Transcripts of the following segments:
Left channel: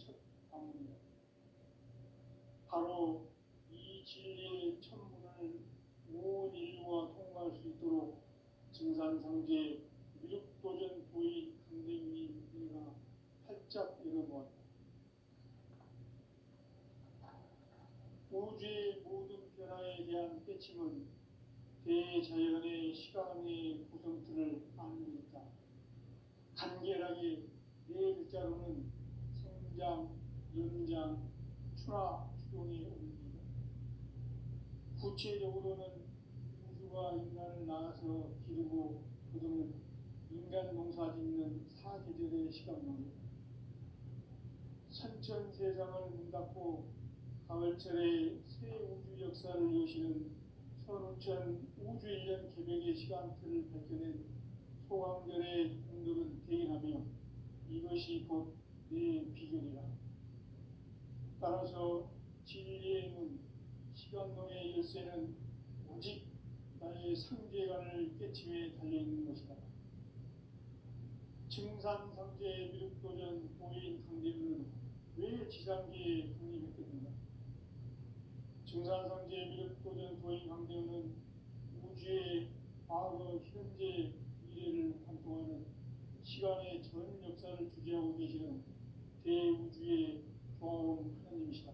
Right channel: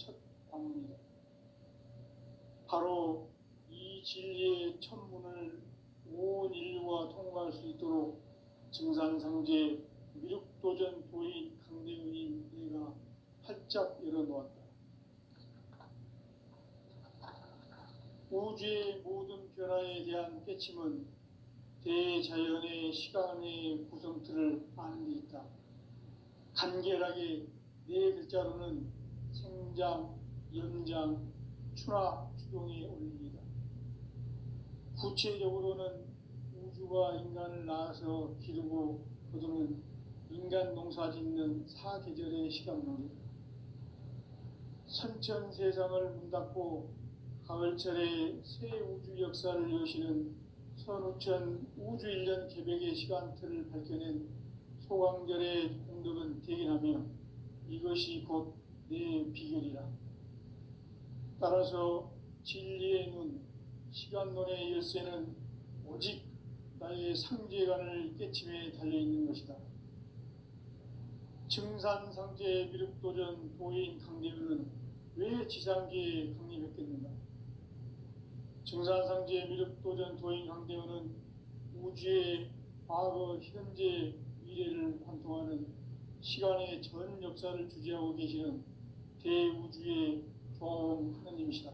첫 방문이다. 바로 이 진리의 천문을 온 인류가 통과할 수 있도록 증산상제 미륵도전 도인 강대의 내가 활짝 열어놓았다. 우주의 모든 변화에 대한 깨침은 대자연의 시간의 구성틀을 아는 데 있다. 간결하게 네 글자로는 생장, 연장, 추나 추동의 원리이다. 구체적으로는 우주가 인간을 낳아서 기르고 거두는 인간 농사 짓는 사계절의 시간론이다. 선천 세상을 문 닫고 가을철에 새 우주 역사를 여시는 선우천 우주 1년 개벽의 시간틀을 밝혀낸 소강절의 공덕은 대견하며 이것이 곧 내 비결이라. 따라서 진리의 눈, 시간론의 열쇠는 오직 나의 상제관을 깨침에 달려있는 것이다. 증산상제 미륵도전 도인 강대우는 왜 지상계에 강림했겠는가? 증산상제 미륵도전 도인 강대우는 우주의 과거, 현재, 미래를 관통하는 시간의 전 역사를 주재하고 계시는 대우주의 조화원 하나님이시다.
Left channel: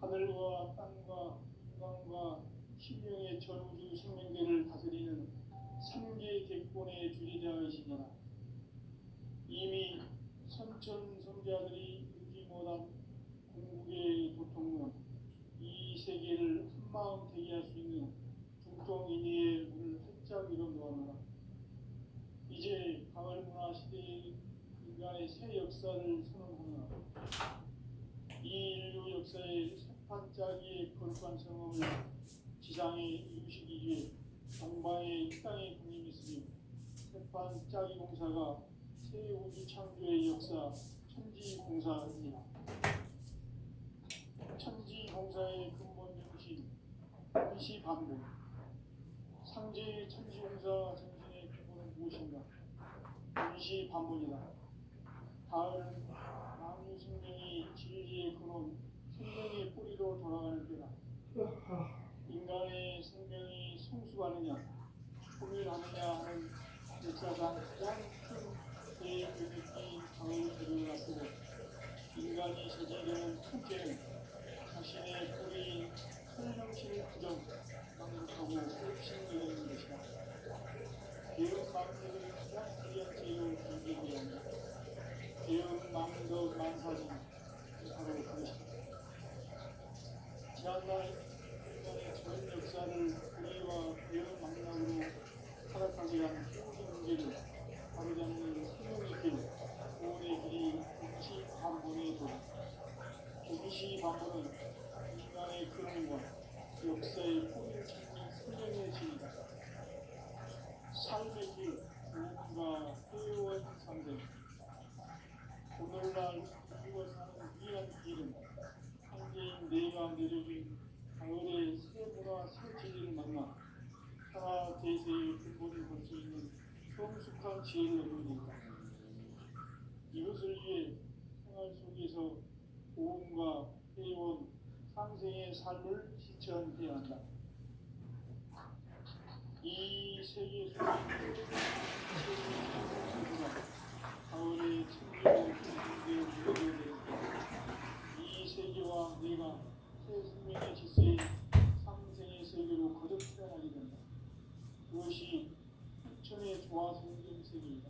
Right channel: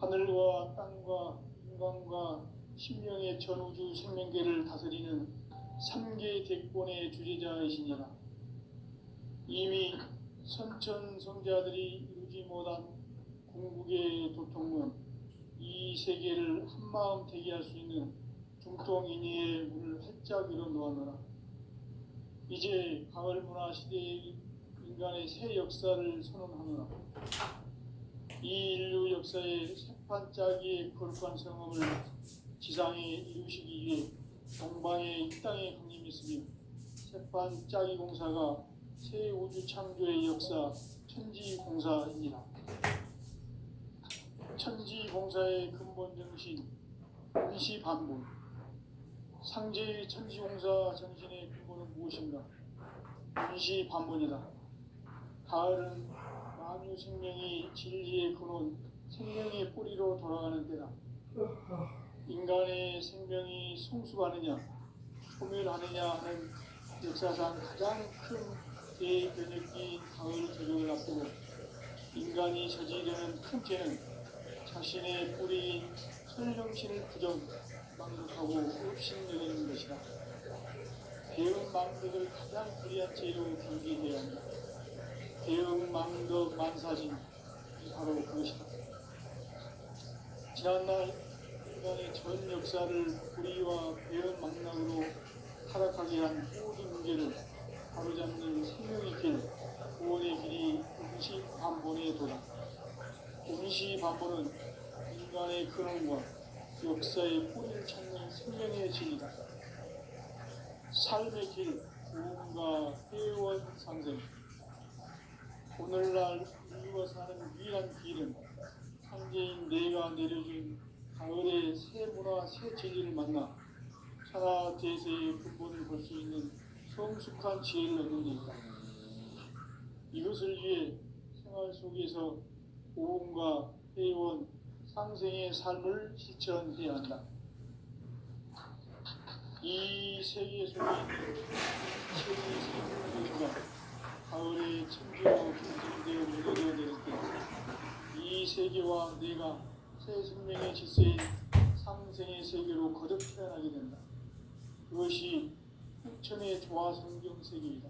하늘과 땅과 인간과 심령의 전우주 생명계를 다스리는 3계 대권의 주재자이시니라. 이미 선천성자들이 이루지 못한 궁극의 도통은 이 세계를 한마음 대기할 수 있는 중통인의의 문을 활짝 열어놓았노라. 이제 가을 문화 시대의 인간의 새 역사를 선언하노라. 이 인류 역사의 새판짜기의 거룩한 성음을 지상에 이루시기 위해 동방의 이 땅에 강림했으며 새판짜기 공사가 새 우주 창조의 역사 천지공사이니라. 천지공사의 근본 정신 임시반복. 상제의 천지공사 정신의 근본은 무엇인가? 임시반복이다. 가을은 만유 생명이 진리의 근원, 생명의 뿌리로 돌아가는 때다. 인간의 생명이 성숙하느냐, 소멸하느냐 하는 역사상 가장 큰 대변혁기인 가을 개벽을 앞두고 인간이 저지르는 큰 죄는 자신의 뿌리인 설령신을 부정하고 өв신여기는 것이다. 배은 망덕을 가장 불의한 죄로 경계되어야 한다. 배은 망덕 만사진, 바로 그것이다. 지난날 인간의 전 역사를 불의와 배은 망락으로 타락하게 한 모든 문제를 바로잡는 생명의 길, 구원의 길이 임시반본의 도다. 임시반본은 인간의 근원과 역사의 뿌리를 찾는 생명의 진이다. 삶의 길, 구원과 회원 상생. 오늘날 인류가 사는 위한 길은 상제인 내가 내려준 가을의 새 문화, 새 진리를 만나 천하 대세의 근본을 볼 수 있는 성숙한 지혜를 얻는 데이다. 이것을 위해 생활 속에서 고음과 회원, 상생의 삶을 실천해야 한다. 이 세계 속에 있는 세계의 가을의 천지로 완성되어 무너져 내릴 때, 이 세계와 내가 새 생명의 질서인 상생의 세계로 거듭 태어나게 된다. 그것이 후천의 조화 성경 세계이다.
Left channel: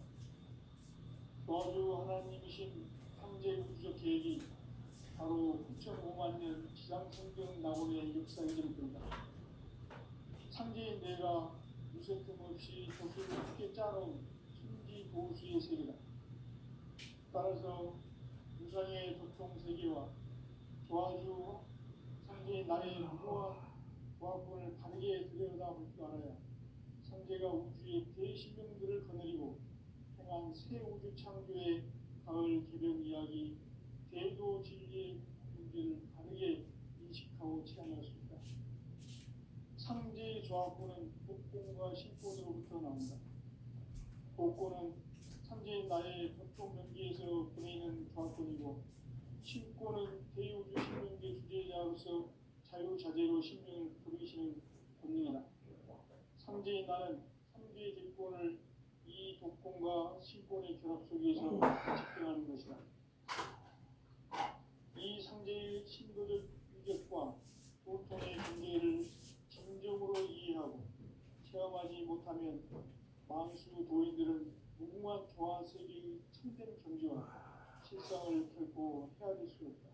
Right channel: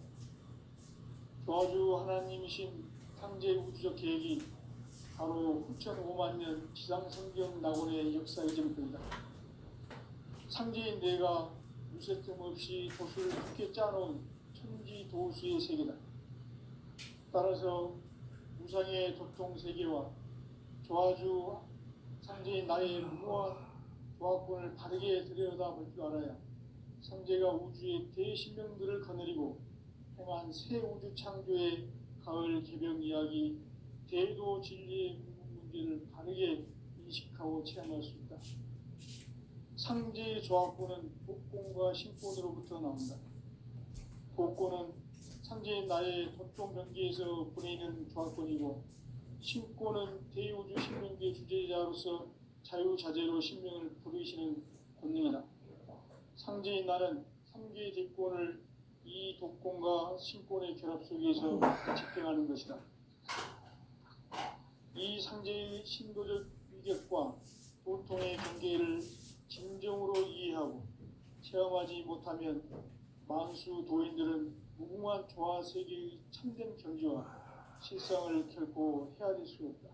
조화주 하나님이신 상제 우주적 계획이 바로 후천 5만 년 지상 성경 낙원의 역사의 전부이다. 상제인 내가 무쇠 틈 없이 도수를 함께 짜놓은 천지 도수의 세계다. 따라서 무상의 도통 세계와 조화주 상제인 나의 무한 조화권을 바르게 들여다볼 줄 알아야 상제가 우주의 대신명들을 거느리고 행한 새 우주 창조의 가을 개벽 이야기, 대도 진리의 문제를 바르게 인식하고 체험할 수 있다. 상제의 조화권은 복권과 신권으로부터 나온다. 복권은 상제인 나의 도통 경기에서 보내는 조합권이고, 신권은 대우주 신명계 주제자로서 자유자재로 신명을 부르시는 권능이다. 상제인 나는 상계 대권을 이 독권과 신권의 결합 속에서 집행하는 것이다. 이 상제의 신도적 위격과 도통의 경계를 진정으로 이해하고 체험하지 못하면 만수 도인들은 무궁한 조화 세계의 참된 경지와 실상을 결코 헤아릴 수 없다.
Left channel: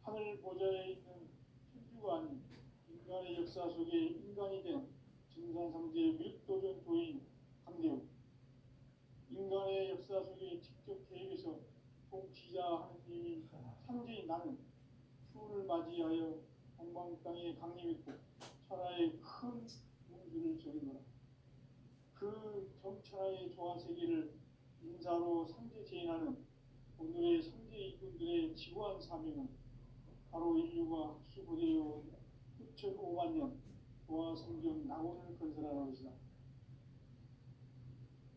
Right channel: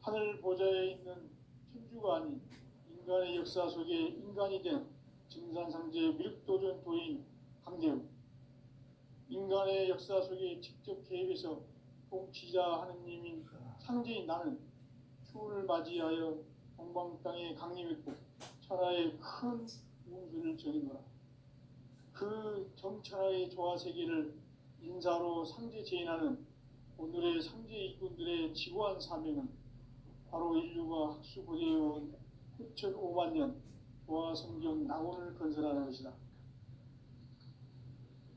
하늘 보좌에 있는 천주가 아닌 인간의 역사 속에 인간이 된 증산상제 미륵도전 도인 강대우, 인간의 역사 속에 직접 개입해서 통치자 하느님인 상제인 나는 추운을 맞이하여 동방 땅에 강림했고 천하의 큰 운수를 전인노라. 그 정천하의 조화 세계를 인사로 상제 제인하는 오늘의 상제 이군들의 지고한 사명은 바로 인류가 학수고대해온 6,500만 년 조화 성경 낙원을 건설하는 것이다.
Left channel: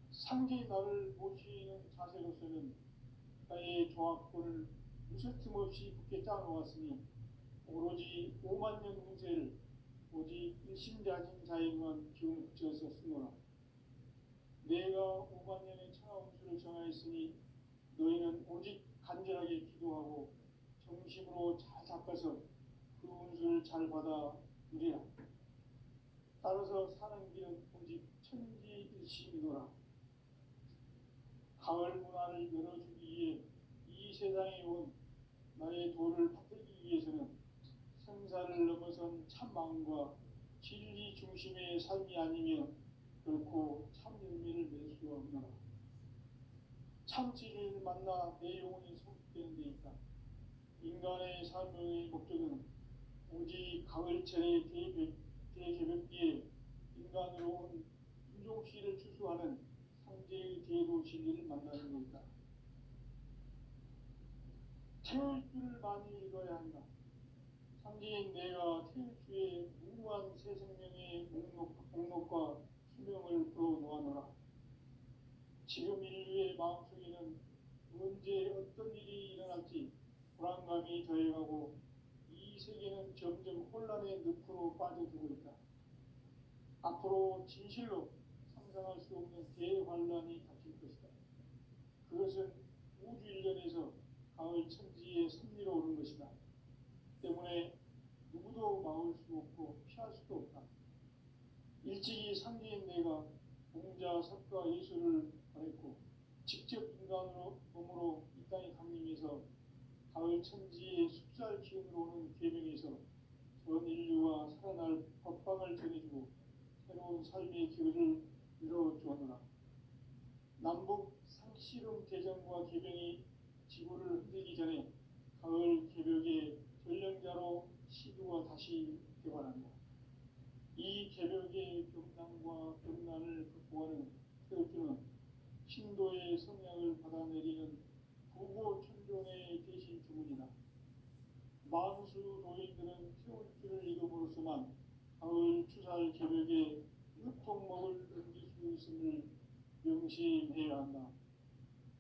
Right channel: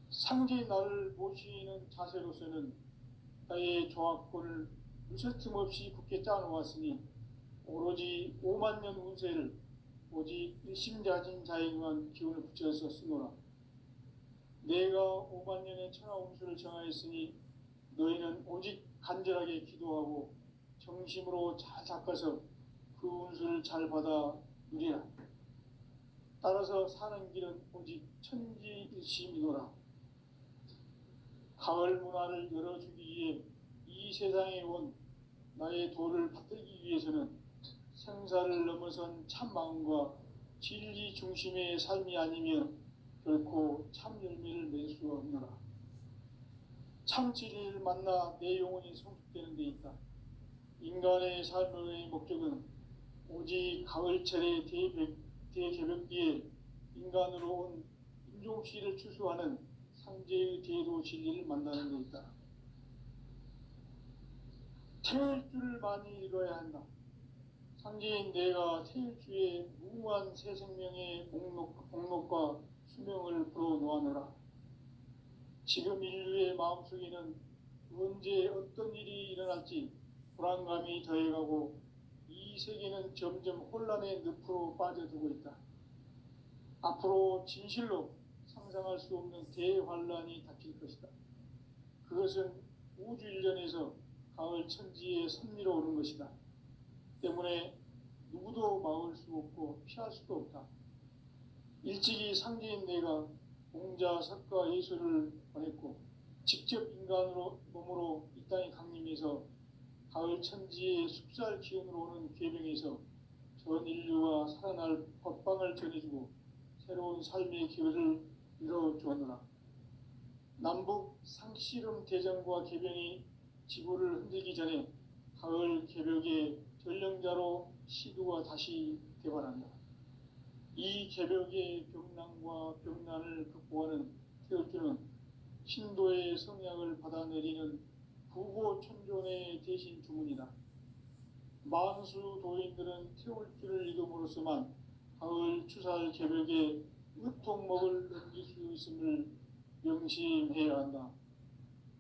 상제인 나를 모시는 자세로서는 나의 조합권을 무쇠틈 없이 굳게 짜놓았으니 오로지 5만 년 운세를 오직 일심자진 자에게만 기운을 붙여서 쓰노라. 내가 5만 년의 천하 운수를 정하였으니 너희는 오직 간절하게 기도하고 정심으로 잘 닦아서 그 운수를 잘 받아 누리라. 따라서 사는 길은 오직 천지일심이노라. 가을 문화를 열어주기 위해 이 세상에 온 나의 도를 받들기 위해서는 생사를 넘어선 참 마음과 진리 중심의 삶이 아니면 결코 참 열매를 맺을 수 없노라. 참 진리를 만나 내 영혼이 성숙되는 데 있다. 인간의 삶의 목적은 오직 가을철의 대개벽기에 인간으로 온 인종시를 추수하는 상제의 대도 진리를 만나는 데 있다. 태일주를 많이 읽어야 한다. 상제인 내가 태일주의 무궁한 새 생명의 목록과 수명을 불어놓아내라. 지금 인류의 마음속에는 언제 어떤 일이 일어날지 불안감이 더해가고 이 세계는 점점 혼란의 늪으로 빠져들고 있다. 앞으로 진실로 상상할 수 없는 대환란이 닥칠 것이다. 그것은 우주 일련에서 가을 천지에 선미로 오는 것이다. 때문에 누구도 막을 수 없고 피할 수도 없다. 일찍이 상제인 내가 공자, 석가, 예수를 보냈고 직접 인간으로 몸으로 이 땅에 강림해서 가을 천지의 숲살 기운으로 오는 계명에서 전 인류가 살아날 법방을 전해주고 새로운 삶의 기회를 이뤄주었노라. 남북 상씨름 대전과 개병이 지구를 흔들기 전에 가을 개벽의 전령자로 시두가 다시 개발한다. 이 개벽의 벽난과 벽난을 극복하는 태울주는 신도의 성향을 받아내리는 부고천존의 대신 주문이다. 만수 도인들은 태울주를 이름으로서만 가을 추살 개벽의 으통목을 넘길 수 있음을 명심해야 한다.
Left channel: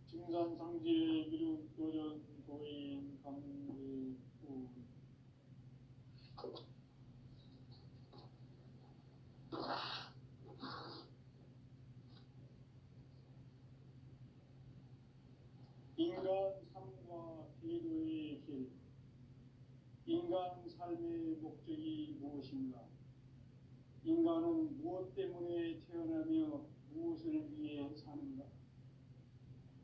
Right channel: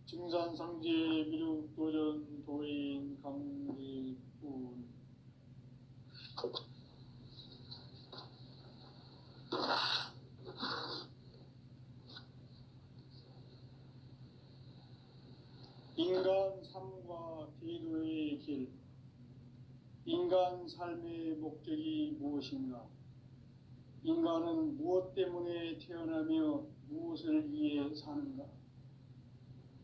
증산상제 미륵도전 도인 강대군. 인간 삶과 기도의 길. 인간 삶의 목적이 무엇인가? 인간은 무엇 때문에 태어나며 무엇을 위해 사는가?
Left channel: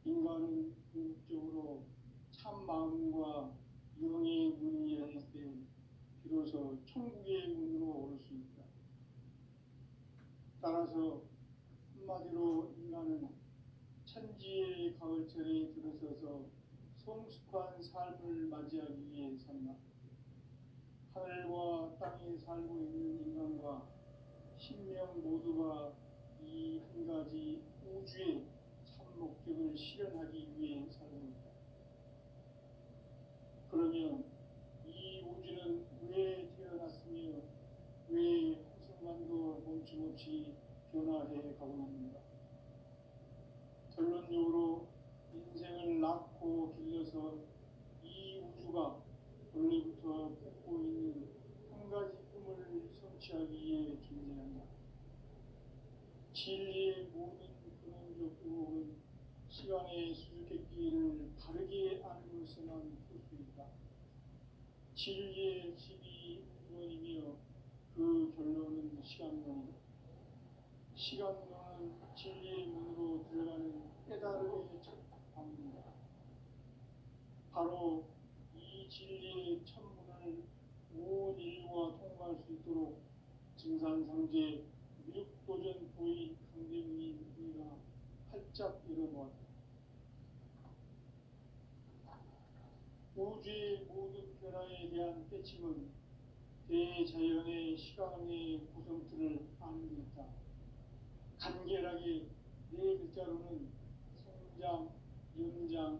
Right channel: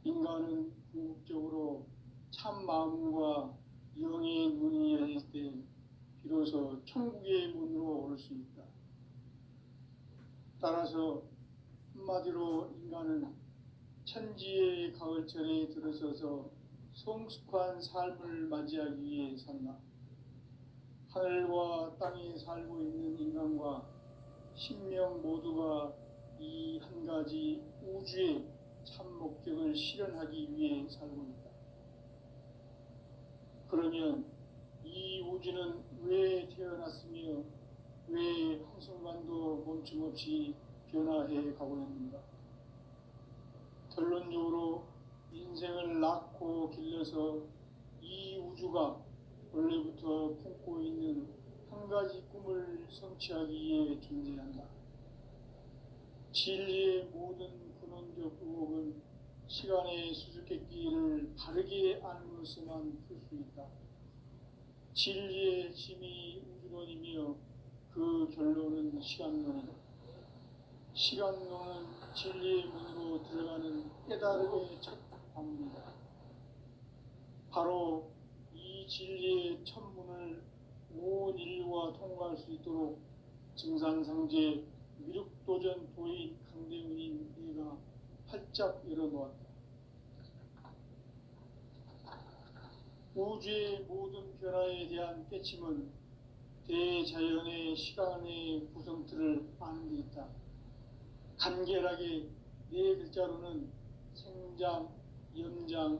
인간은 궁극적으로 참 마음과 영의 눈이 열릴 때 비로소 천국의 문으로 올 수 있다. 따라서 한마디로 인간은 천지의 가을철에 들어서서 성숙한 삶을 맞이하기 위해 산다. 하늘과 땅에 살고 있는 인간과 신명 모두가 이 한 가지 우주의 참 목적을 실현하기 위해 살고 있다. 그러면 이 우주는 왜 태어났으며 왜 한순간도 멈춤없이 변화해 가고 있는가? 결론적으로 인생을 낳고 길러서 이 우주가 원래부터 품고 있는 한 가지 꿈을 성취하기 위해 존재한다. 진리의 모든 근원적 의혹은 시간의 수수께끼를 바르게 알므로서만 풀 수 있다. 진리의 힘이 우주론이며 그 결론은 시간론이다. 시간론은 진리의 문으로 들어가는 깨달음의 첫 방문이다. 바로 이 진리의 첫 문을 온 인류가 통과할 수 있도록 증산상제 미륵도전 도인 강대훈인 내가 활짝 열어놓았다. 우주의 모든 변화에 대한 깨침은 대자연의 시간의 구성틀을 아는 데 있다. 간결하게 네 글자로는 생장, 연장,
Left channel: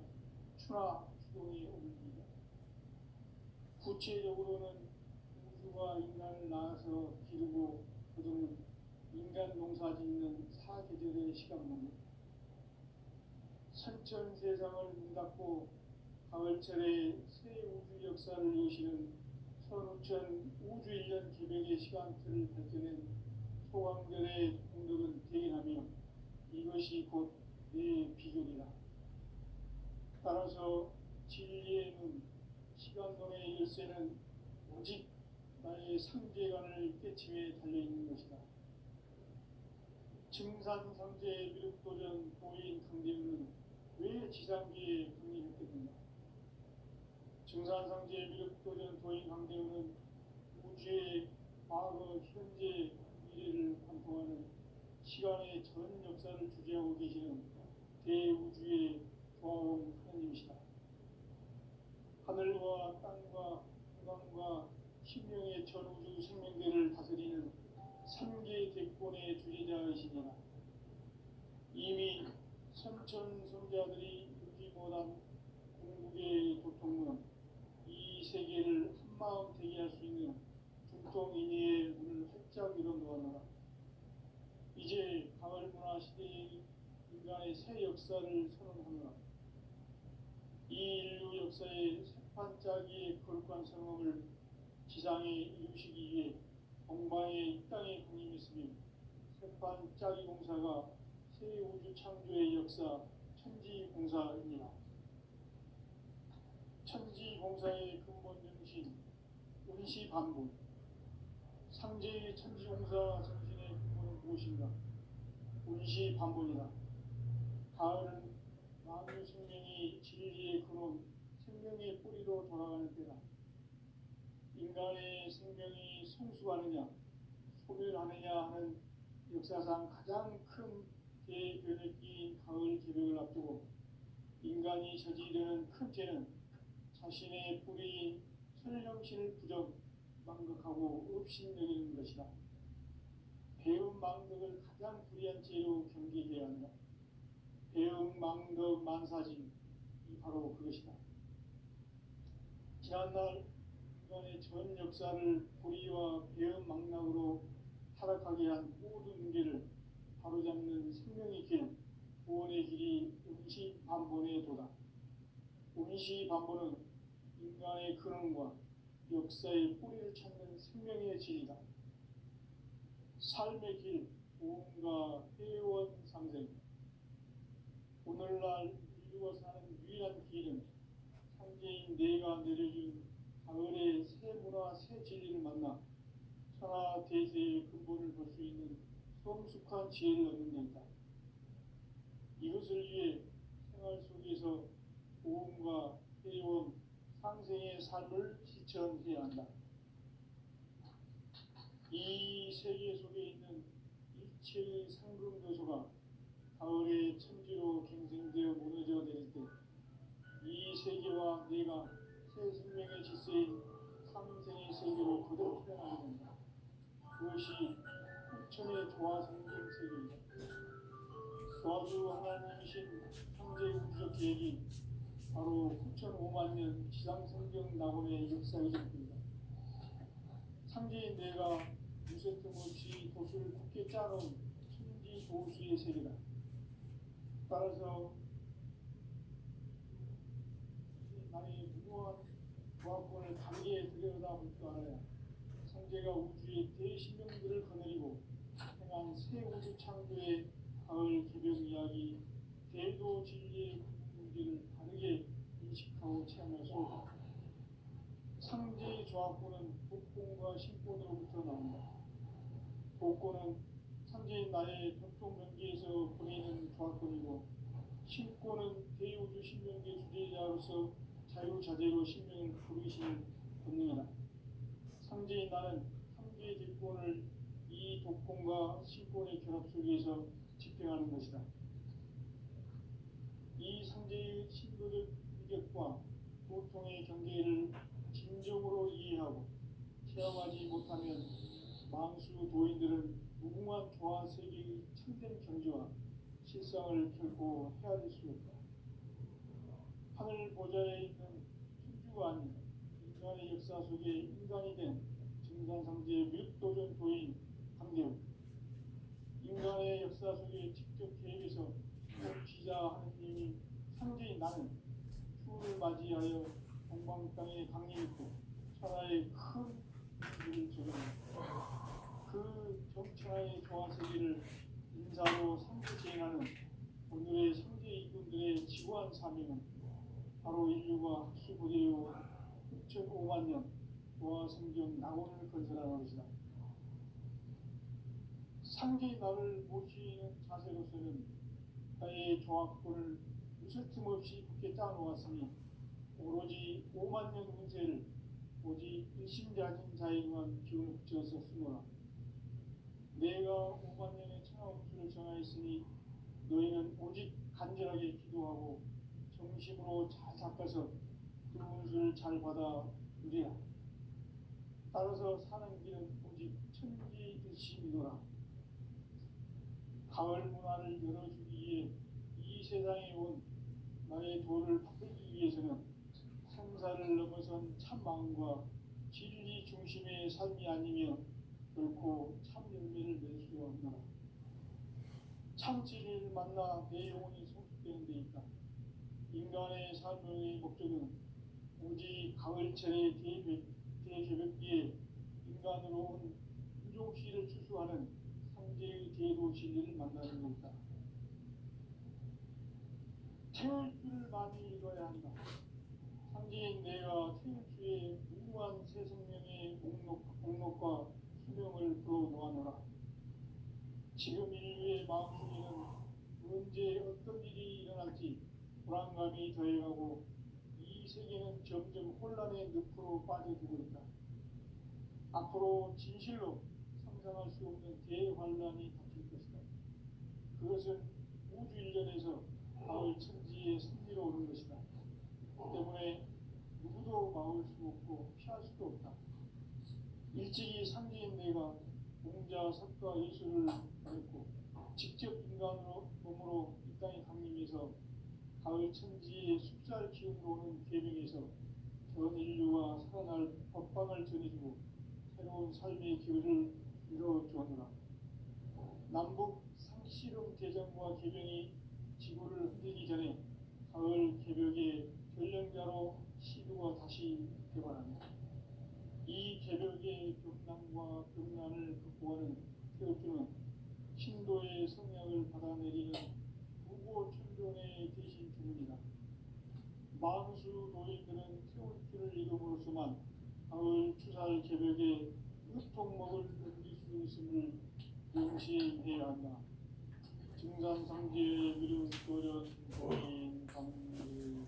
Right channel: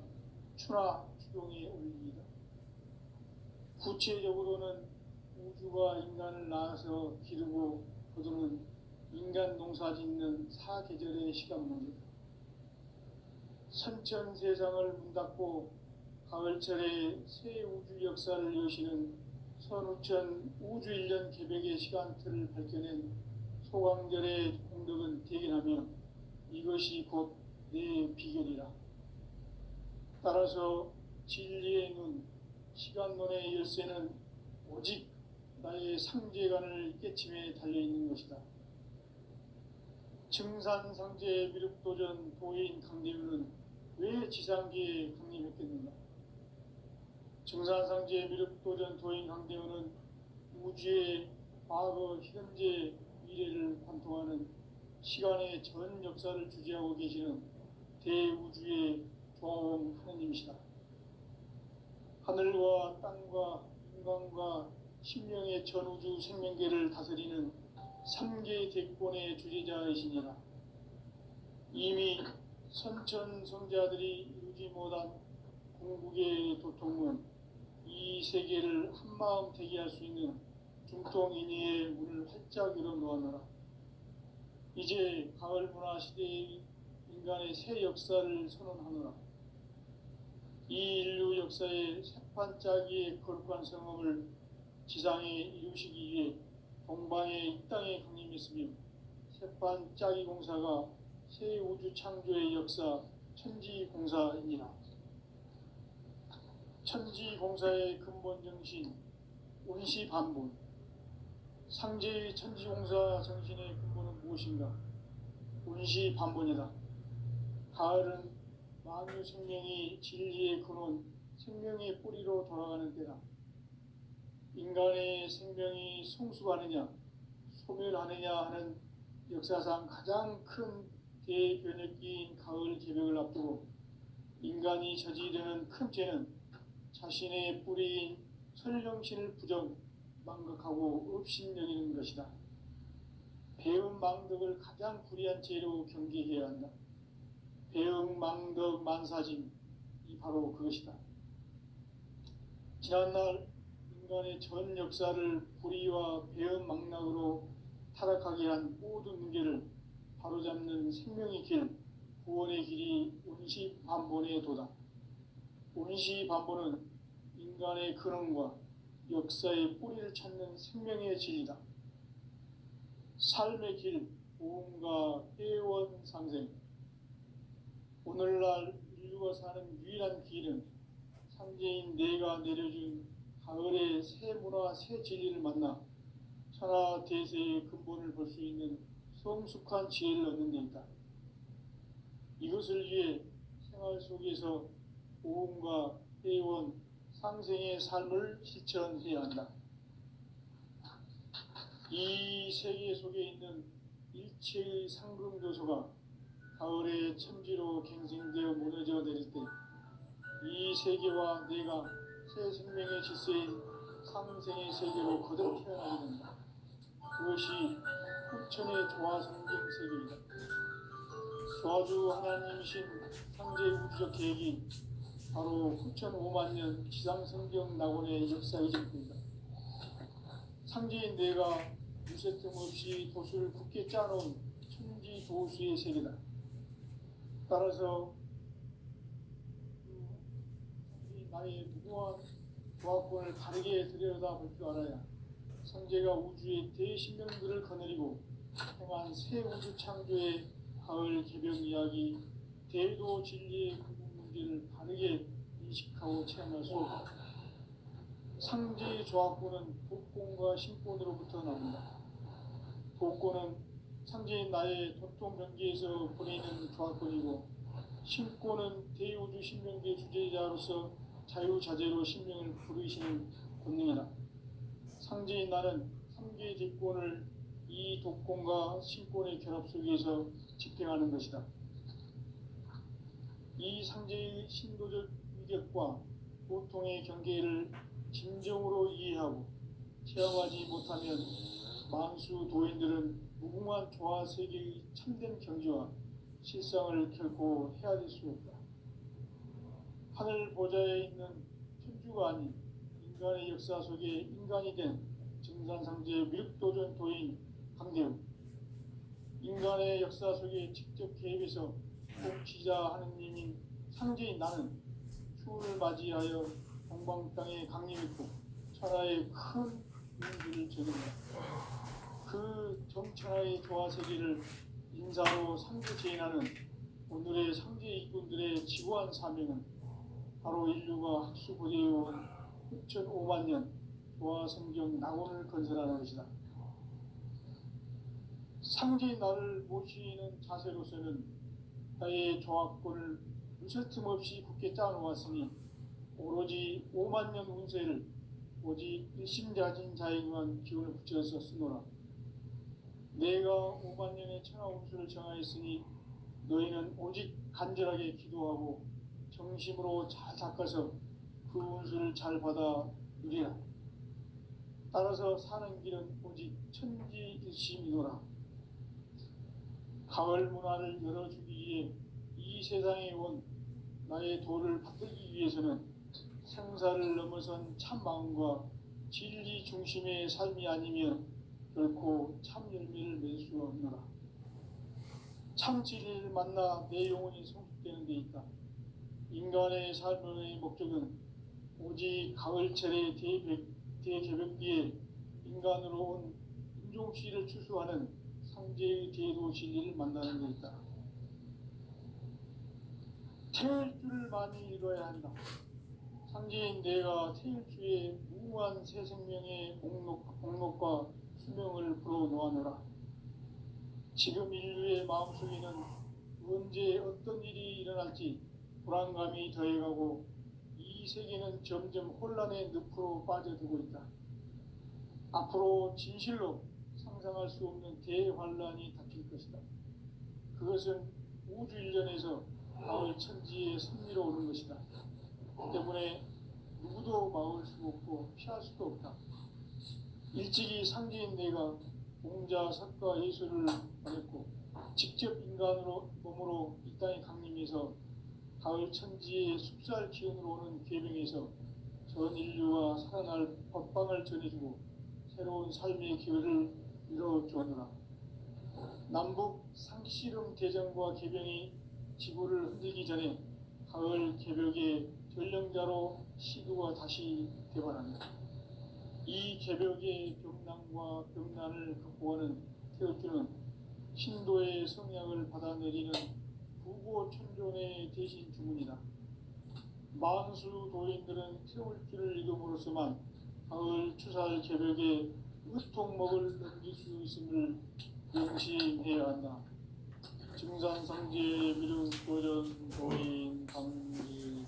추나 추동의 원리이다. 구체적으로는 우주가 인간을 낳아서 기르고 거두는 인간 농사 짓는 사계절의 시간문이다. 선천세상을 문 닫고 가을철에 새 우주 역사를 여시는 선우천 우주일년 개백의 시간틀을 밝혀낸 소광절의 공덕은 대견하며 이것이 곧 내 비결이라. 따라서 진리의 눈, 시간론의 열쇠는 오직 나의 상제관을 깨침에 달려있는 것이다. 증산상제 미륵도전 도인 강대훈은 왜 지상계에 강림했겠는가? 증산상제 미륵도전 도인 강대훈은 우주의 과거, 현재, 미래를 관통하는 시간의 전 역사를 주재하고 계시는 대우주의 조화원 하느님이시다. 하늘과 땅과 인간과 신명의 전우주 생명계를 다스리는 3개 대권의 주재자이시니라. 이미 선천성자들이 이루지 못한 궁극의 도통은 이 세계를 한마음 대기할 수 있는 중통인의의 문을 활짝 열어놓았노라. 이제 가을 문화 시대의 인간의 새 역사를 선언하노라. 이 인류 역사의 새판짜기의 거룩한 성업을 지상에 이루시기 위해 동방의 이 땅에 강림했으며 새판짜기 공사가 새 우주 창조의 역사 천지공사이니라. 천지공사의 근본 정신 운시반본. 상제의 천지공사 정신의 근본은 무엇인가? 운시반본이다. 가을은 만유 생명이 진리의 근원, 생명의 뿌리로 돌아가는 때다. 인간의 생명이 성숙하느냐, 소멸하느냐 하는 역사상 가장 큰 대변혁기인 가을 개벽을 앞두고 인간이 저지르는 큰 죄는 자신의 뿌리인 설령신을 부정, 망각하고 업신여기는 것이다. 배음 망덕을 가장 불의한 죄로 경계해야 한다. 배음 망덕 만사진, 이 바로 그것이다. 지난날 인간의 전 역사를 불의와 배음 망락으로 타락하게 한 모든 문제를 바로잡는 생명의 길, 구원의 길이 운시반본의 도다. 운시반본은 인간의 근원과 역사의 뿌리를 찾는 생명의 진리다. 삶의 길, 보험과 회원 상생. 오늘날 인류가 사는 유일한 길은 상제인 내가 내려준 가을의 새 문화, 새 진리를 만나 천하 대세의 근본을 볼 수 있는 성숙한 지혜를 얻는 데 있다. 이것을 위해 생활 속에서 보험과 회원, 상생의 삶을 실천해야 한다. 이 세계 속에 있는 일체의 상금교소가 가을의 천지로 갱생되어 무너져 내릴 때 이 세계와 내가 새 생명의 질서인 상생의 세계로 거듭 태어나게 된다. 그것이 후천의 조화성경 세계이다. 조화주 하나님이신 상제 우주적 계획이 바로 후천 5만 년 지상성경 낙원의 역사이실 뿐이다. 상제인 내가 무쇠 틈 없이 도수를 굳게 짜놓은 천지 도수의 세계다. 따라서 나의 무궁한 조합권을 다르게 들여다볼 줄 알아야 성제가 우주의 대신명들을 거느리고 행한 새 우주 창조의 가을 개벽 이야기, 대도 진리의 근본 문제를 다르게 인식하고 체험할 수 없다. 상제의 조합권은 독권과 신권으로부터 나온다. 독권은 상제인 나의 도통 경계에서 보내는 조합권이고, 신권은 대우주 신명계 주제자로서 자유자재로 신명을 부르시는 권능이다. 상제인 나는 삼계 제권을 이 독권과 신권의 결합 속에서 집행하는 것이다. 이 상제의 신도적 위력과 고통의 경계를 진정으로 이해하고 체험하지 못하면 만수 도인들은 무궁한 조화 세계의 참된 경지와 실상을 결코 헤아릴 수 없다. 하늘 보좌에 있는 천주가 아닌 인간의 역사 속에 인간이 된 증산상제 미륵도전 도인 강대우, 인간의 역사 속에 직접 개입해서 통치자 하느님인 상제인 나는 추운을 맞이하여 동방 땅에 강림했고 천하의 큰 민주를 저긴다. 그 정천하의 조화 세계를 인사로 상주 재현하는 오늘의 상제 이꾼들의 지구한 사명은 바로 인류가 학수고대해온 6,500만 년 조화 성경 낙원을 건설하는 것이다. 상제인 나를 모시는 자세로서는 나의 조합권을 무설틈 없이 굳게 짜놓았으니 오로지 5만 년 운세를 오직 일심자진 자에게만 기운을 붙여서 쓰노라. 내가 5만 년의 천하 운수를 정하였으니 너희는 오직 간절하게 기도하고 정심으로 잘 닦아서 그 운수를 잘 받아 누리라. 따라서 사는 길은 오직 천지일심이노라. 가을 문화를 열어주기 위해 이 세상에 온 나의 도를 받들기 위해서는 생사를 넘어선 참 마음과 진리 중심의 삶이 아니면 결코 참 열매를 맺을 수 없노라. 참 진리를 만나 내 영혼이 성숙되는 데 있다. 인간의 삶의 목적은 오직 가을철의 대개벽기에 인간으로 온 인종씨를 추수하는 상제의 대도 진리를 만나는 데 있다. 태울 줄을 많이 읽어야 한다. 상제인 내가 태울 주의 무한 새 생명의 목록과 수명을 불어놓아노라. 지금 인류의 마음속에는 언제 어떤 일이 일어날지 불안감이 더해가고 이 세계는 점점 혼란의 늪으로 빠져들고 있다. 앞으로 진실로 상상할 수 없는 대환란이 닥칠 것이다. 그것은 우주 일련에서 가을 천지의 승리로 오는 것이다. 때문에 누구도 막을 수 없고 피할 수도 없다. 일찍이 상제인 내가 공자, 석가, 예수를 보냈고 직접 인간으로 몸으로 이 땅에 강림해서 가을 천지의 숲살 기운으로 오는 계명에서 전 인류가 살아날 법방을 전해주고 새로운 삶의 기회를 이뤄주었노라. 남북 상씨름 대전과 개병이 지구를 흔들기 전에 가을 개벽의 전령자로 시도가 다시 되어간다. 이 개벽의 병난과 병난을 극복하는 태어주는 신도의 성향을 받아내리는 부고천존의 대신 주문이다. 만수 도인들은 태울 줄을 이름으로서만 가을 추살 개벽에 으통먹을 넘길 수 있음을 명심해야 한다. 증산상제의 미륵도전 도인 강일구.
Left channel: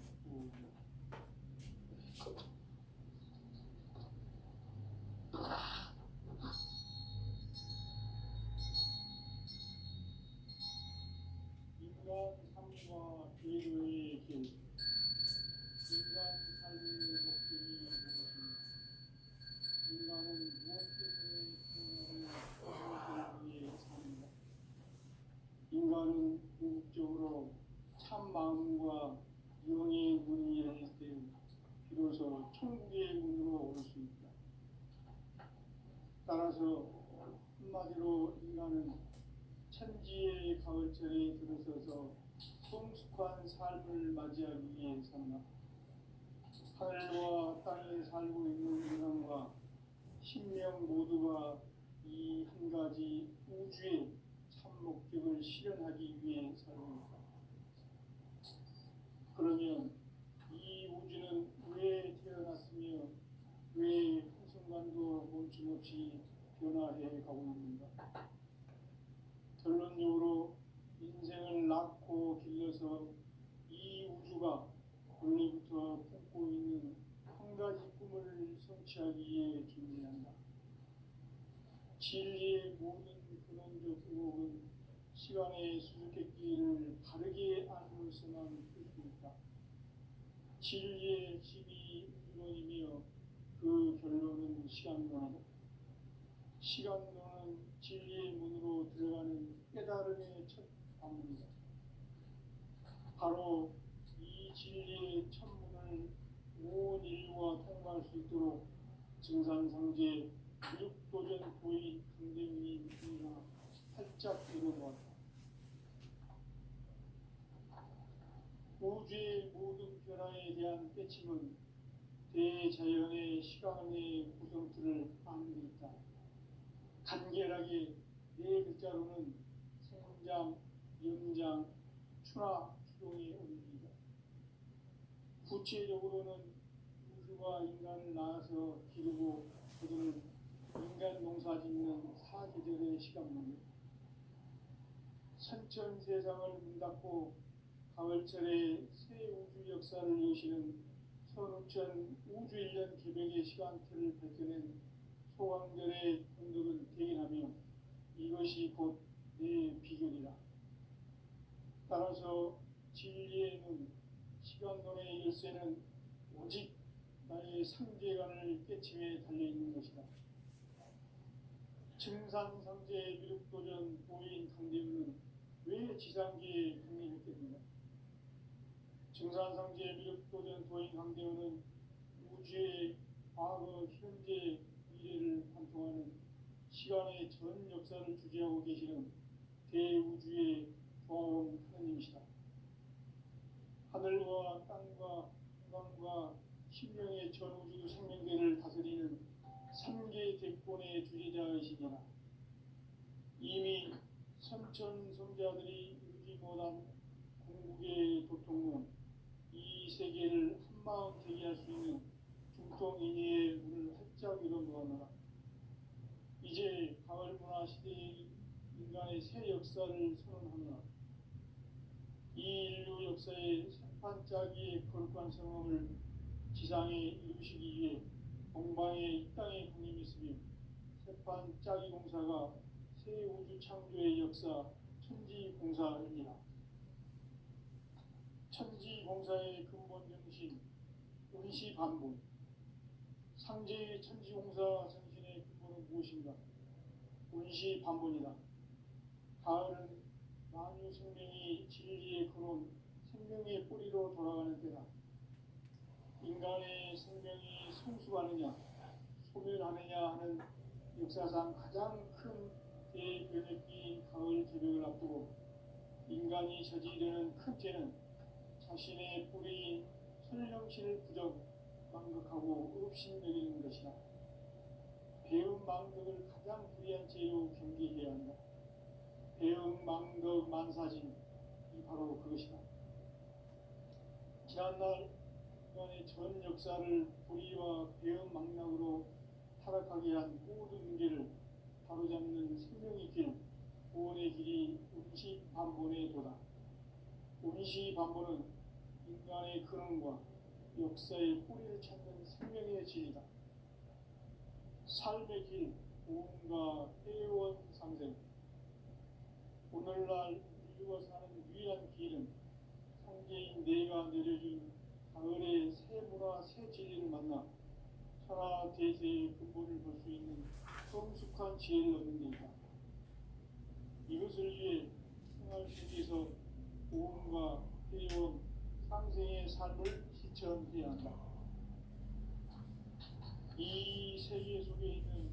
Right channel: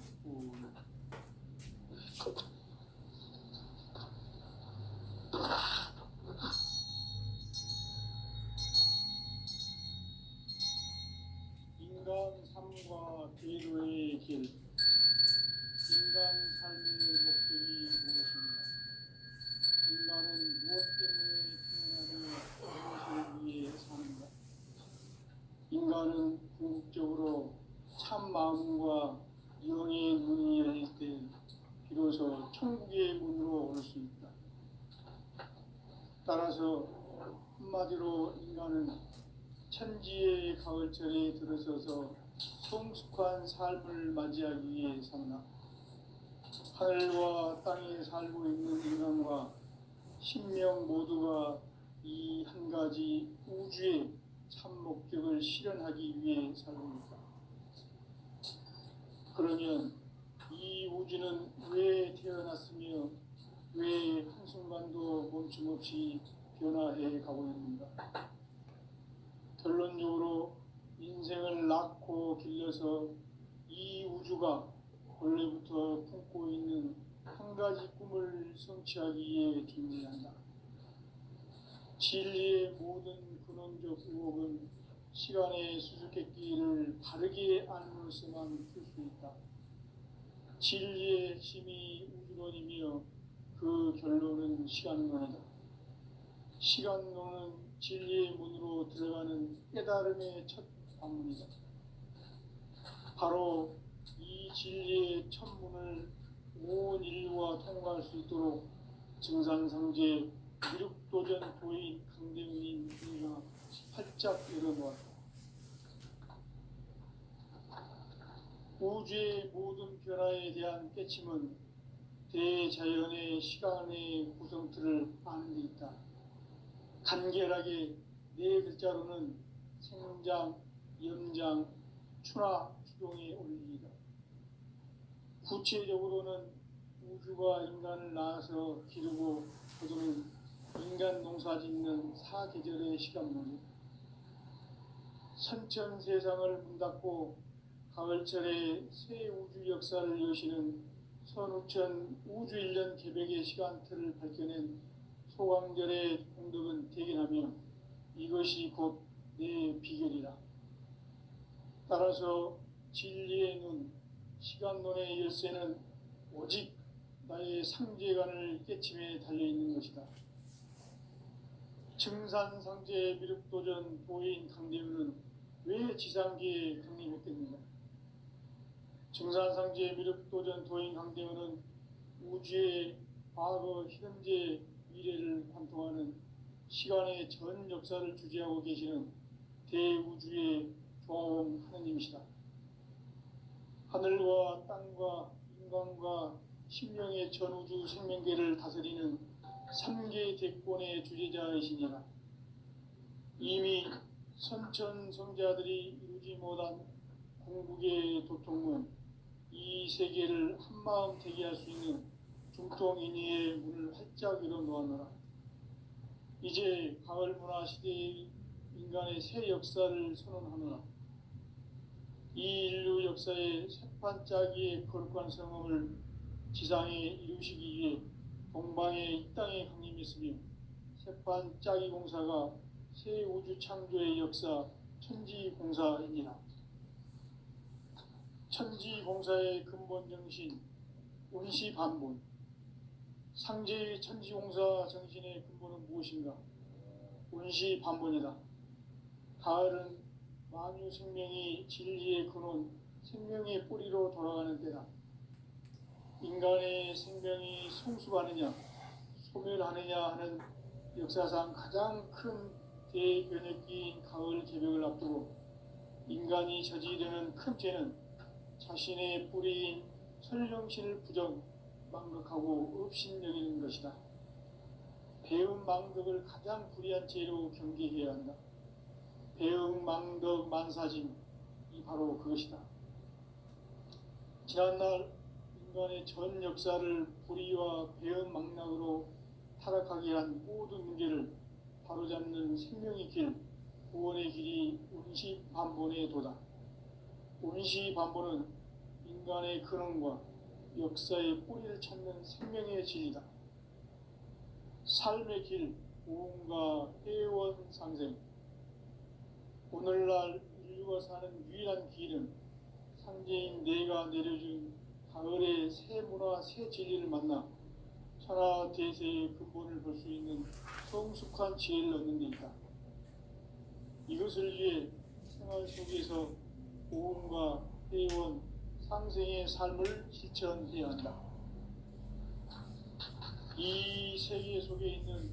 인간 삶과 제도의 길. 인간 삶의 목적이 무엇인가? 인간은 무엇 때문에 태어나고 무엇을 위해 사는가? 인간은 궁극적으로 참 마음과 영의 눈이 열릴 때 비로소 천국의 문으로 올 수 있다. 따라서 한마디로 인간은 천지의 가을철에 들어서서 성숙한 삶을 맞이하기 위해 산다. 하늘과 땅에 살고 있는 인간과 신명 모두가 이 한 가지 우주의 참 목적을 실현하기 위해 살고 있다. 그러면 이 우주는 왜 태어났으며 왜 한순간도 멈춤없이 변화해 가고 있는가? 결론적으로 인생을 낳고 길러서 이 우주가 원래부터 품고 있는 한 가지 꿈을 성취하기 위해 존재한다. 진리의 모든 근원적 의혹은 시간의 수수께끼를 바르게 안으로서만 풀 수 있다. 진리의 핵심이 우주론이며 그 결론은 시간론이다. 시간론은 진리의 문으로 들어가는 깨달음의 첫 방문이다. 바로 이 진리의 첫 문을 온 인류가 통과할 수 있도록 증산상제 미륵도전 도인 강대훈이가 활짝 열어놓았다. 우주의 모든 변화에 대한 깨침은 대자연의 시간의 구성틀을 아는 데 있다. 간결하게 네 글자로는 생장, 연장, 추나 추동의 원리이다. 구체적으로는 우주가 인간을 낳아서 기르고 거두는 인간 농사 짓는 사계절의 시간론이다. 선천 세상을 문닫고 가을철에 새 우주 역사를 여시는 선우천 우주 1년 개백의 시간틀을 밝혀낸 소강절의 공덕은 대견하며 이것이 곧 내 비결이다. 따라서 진리의 눈, 시간론의 열쇠는 오직 나의 상제관을 깨침에 달려있는 것이다. 증산상제 미륵도전 도인 강대훈은 왜 지상계에 강림했겠는가? 증산상제 미륵도전 도인 강대훈은 우주의 과거, 현재, 미래를 관통하는 시간의 전 역사를 주재하고 계시는 대우주의 조화원 하느님이시다. 하늘과 땅과 인간과 신명의 전우주 생명계를 다스리는 3계 대권의 주재자이시니라. 이미 선천성자들이 이루지 못한 궁극의 도통문, 이 세계를 한마음 되게 할 수 있는 중통인의의 문을 활짝 열어놓았노라. 이제 가을 문화 시대의 인간의 새 역사를 선언하노라. 이 인류 역사의 새반짝이의 거룩한 성음을 지상에 이루시기 위해 동방의 이 땅에 강림했으며 새반짝이 공사가 새 우주 창조의 역사 천지공사이니라. 천지공사의 근본 정신 운시반본. 상제의 천지공사 정신의 근본은 무엇인가? 운시반본이다. 가을은 만유 생명이 진리의 근원, 생명의 뿌리로 돌아가는 때다. 인간의 생명이 성숙하느냐, 소멸하느냐 하는 역사상 가장 큰 대변혁기인 가을 개벽을 앞두고 인간이 저지르는 큰 죄는 자신의 뿌리인 설령신을 부정, 망극하고 업신여기는 것이다. 배움 망덕을 가장 불의한 죄로 경계해야 한다. 배움 망덕 만사짐, 이 바로 그것이다. 지난날 인간의 전 역사를 불의와 배움 망락으로 타락하게 한 모든 문제를 바로잡는 생명의 길, 구원의 길이 운시반본의 도다. 운시반본은 인간의 근원과 역사의 뿌리를 찾는 생명의 진리다. 삶의 길, 오음과 회원상생. 오늘날 인류가 사는 유일한 길은 상제인 내가 내려준 가을의 새 문화, 새 진리를 만나 천하 대세의 근본을 볼 수 있는 성숙한 지혜를 얻는 데 있다. 이것을 위해 생활 속에서 오음과 회원, 상생의 삶을 실천해야 한다. 이 세계 속에 있는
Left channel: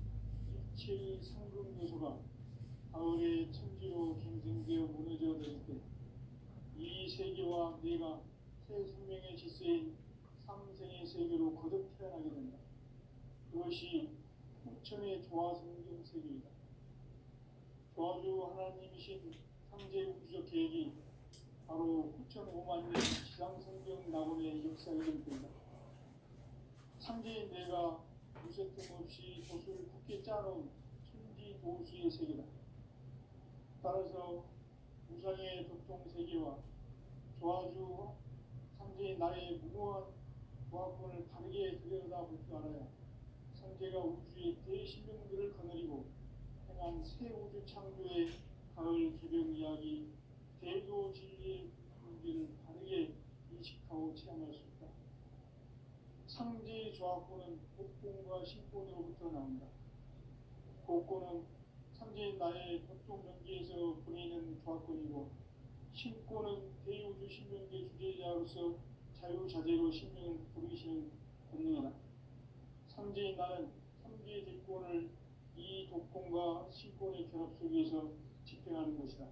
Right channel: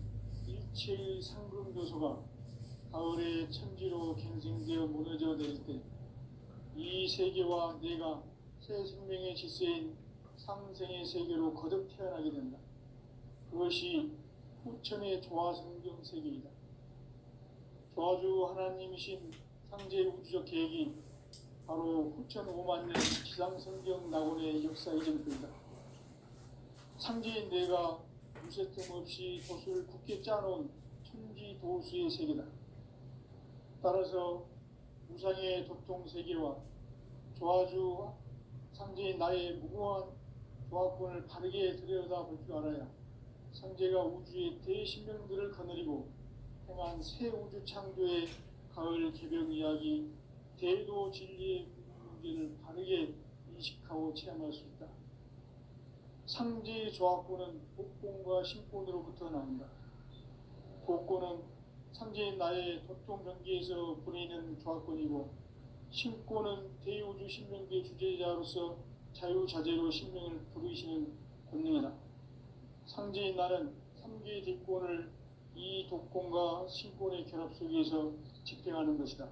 일체의 상금 요소가 가을의 천지로 갱생되어 무너져 내릴 때 이 세계와 내가 새 생명의 질서인 상생의 세계로 거듭 태어나게 된다. 그것이 후천의 조화성경 세계이다. 조화주 하나님이신 상제 우주적 계획이 바로 후천 5만 년 지상성경 낙원의 역사 이전입니다. 상제인 내가 무쇠뜸 없이 도수를 굳게 짜놓은 천지 도수의 세계다. 따라서 우상의 도통 세계와 조화주 상제인 나의 무궁한 조화권을 바르게 들여다볼 줄 알아야 상제가 우주의 대신명들을 거느리고 행한 새 우주 창조의 가을 개벽 이야기, 대도 진리의 문제를 바르게 인식하고 체험할 수 있다. 상제의 조화권은 복권과 신권으로부터 나온다. 복권은 상제인 나의 도통 경계에서 보내는 조화권이고, 신권은 대우주 신명계 주제자로서 자유자재로 신명을 부르시는 권능이다. 상제인 나는 3개의 대권을 이 독권과 신권의 결합 속에서 집행하는 것이다.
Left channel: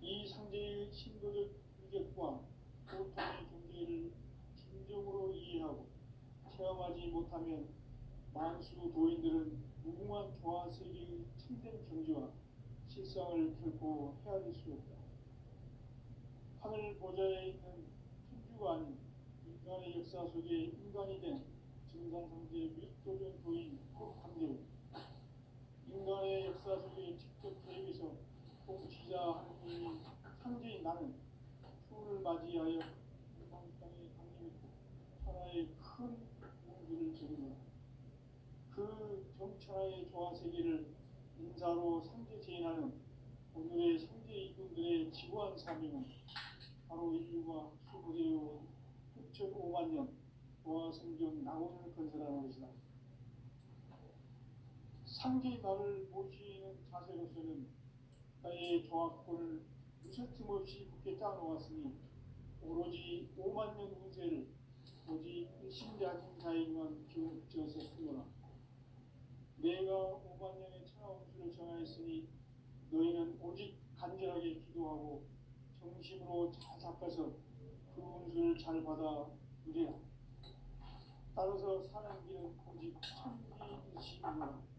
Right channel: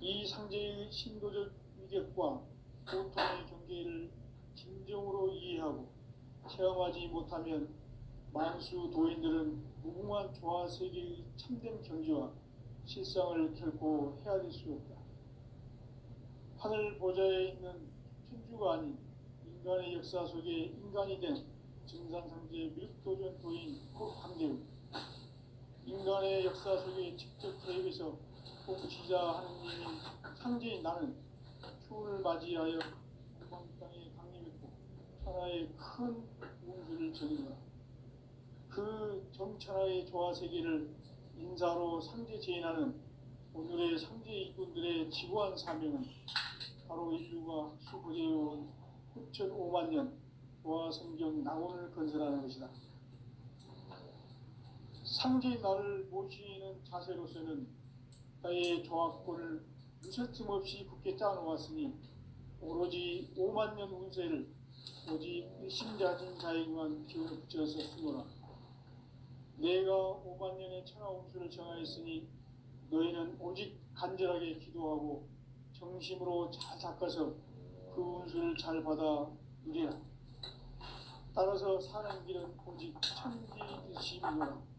이 상제의 신도적 위격과 고통의 경계를 진정으로 이해하고 체험하지 못하면 만수 도인들은 무궁한 조화 세계의 참된 경지와 실상을 결코 헤아릴 수 없다. 하늘 보좌에 있는 천주가 아닌 인간의 역사 속에 인간이 된 증산상제 밀도전 도인 황제우, 인간의 역사 속에 직접 개입해서 공치자 하느님인 상제인 나는 추운을 맞이하여 무방 땅에 강림했고 천하의 큰 운수를 전했다. 그 정천하의 조화 세계를 인사로 상제 제인하는 오늘의 상제 이꾼들의 지구한 사명은 바로 인류가 학수부대해온 후천 5만 년 조화 성경 낙원을 건설하는 것이다. 상제인 나를 모시는 자세로서는 나의 조화권을 무쇠틈 없이 굳게 짜놓았으니 오로지 5만 년 운세를 오직 일심자진 자에게만 비워져서 쓰노라. 내가 5만 년의 천하 운수를 정하였으니 너희는 오직 간절하게 기도하고 정심으로 잘 닦아서 그 운수를 잘 받아 누리라. 따라서 사는 길은 오직 천지듯이니라.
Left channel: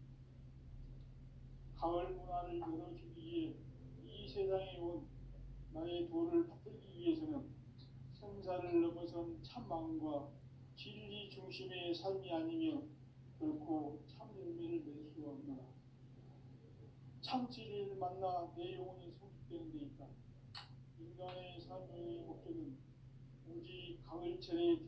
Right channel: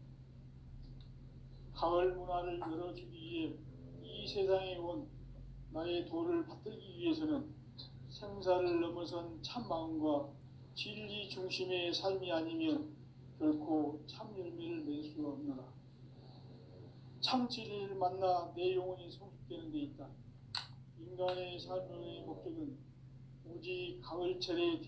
가을 문화를 열어주기 위해 이 세상에 온 나의 도를 받들기 위해서는 생사를 넘어선 참 마음과 진리 중심의 삶이 아니면 결코 참 열매를 맺을 수 없노라. 참 진리를 만나 내 영혼이 성숙되는 데 있다. 인간의 삶의 목적은 오직 가을철의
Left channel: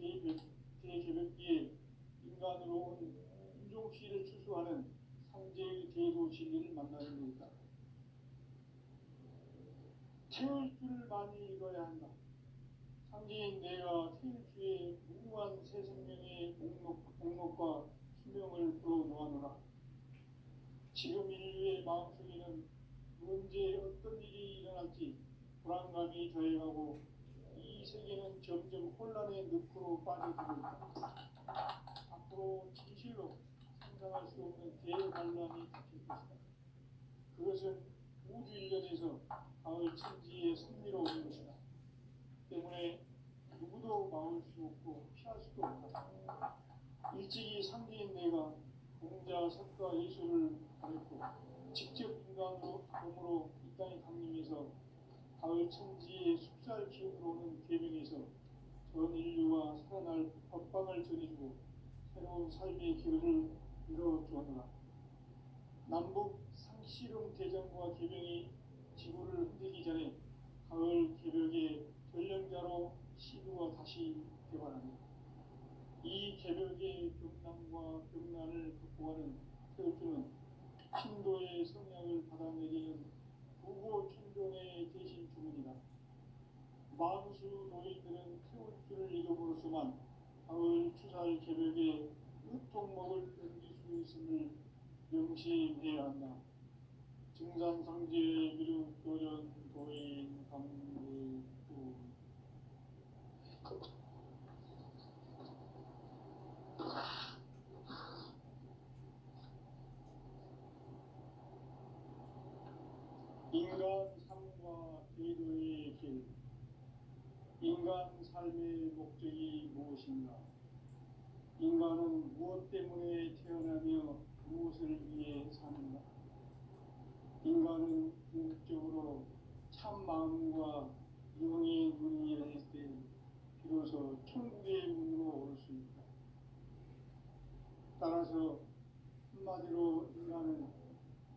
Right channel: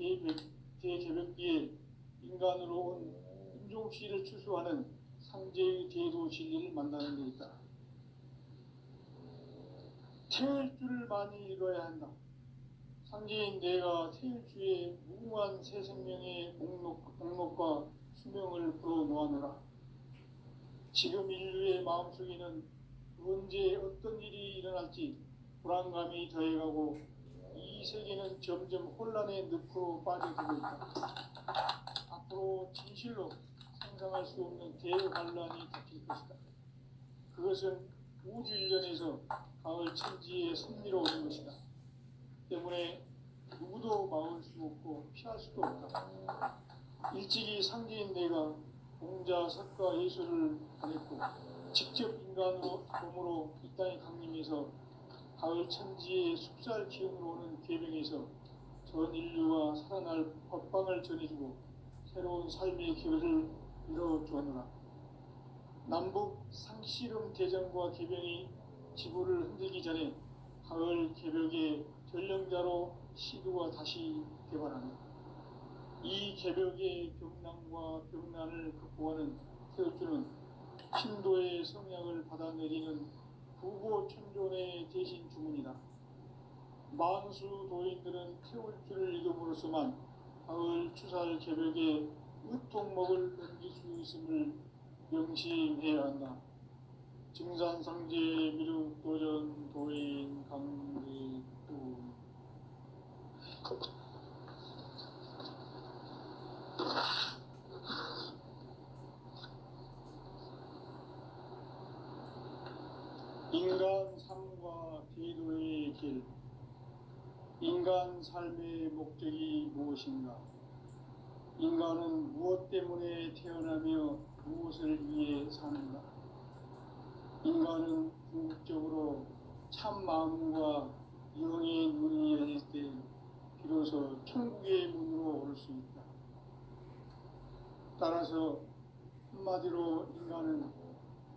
대개벽기에 인간으로 온 인종씨를 추수하는 상제의 대도 진리를 만나는 데 있다. 태일주를 많이 읽어야 한다. 상제인 내가 태일주의 무궁한 새 생명의 목록과 수명을 풀어놓아노라. 지금 인류의 마음속에는 언제 어떤 일이 일어날지 불안감이 더해가고 이 세계는 점점 혼란의 늪으로 빠져들고 있다. 앞으로 진실로 상상할 수 없는 대환란이 닥칠 것이다. 그것은 우주 일전에서 가을 천지의 섭리로 오는 것이다. 때문에 누구도 막을 수 없고 피할 수도 없다. 일찍이 상제인 내가 공자, 석가, 예술을 보냈고 직접 인간으로 몸으로 이 땅에 강림해서 가을 천지의 숲살 기운으로 오는 계명에서 전 인류가 살아날 법방을 전해주고 새로운 삶의 길을 열어주었노라. 남북 상씨름 대전과 계명이 지구를 흔들기 전에 가을 개벽의 전령자로 시도가 다시 개발한다. 이 개벽의 벽난과 벽난을 극복하는 태울주는 신도의 성향을 받아내리는 부고 천존의 대신 주문이다. 만수 도인들은 태울주를 읽음으로써만 가을 추살 개벽의 으통목을 넘길 수 있음을 명심해야 한다. 증산상제 미륵도전 도인 강대도 인간 삶과 제도의 인간 삶의 목적이 무엇인가? 인간은 무엇 때문에 태어나며 무엇을 위해 사는가? 인간은 궁극적으로 참 마음과 영의 눈이 열릴 때 비로소 천국의 문으로 올 수 있다. 따라서 한마디로 인간은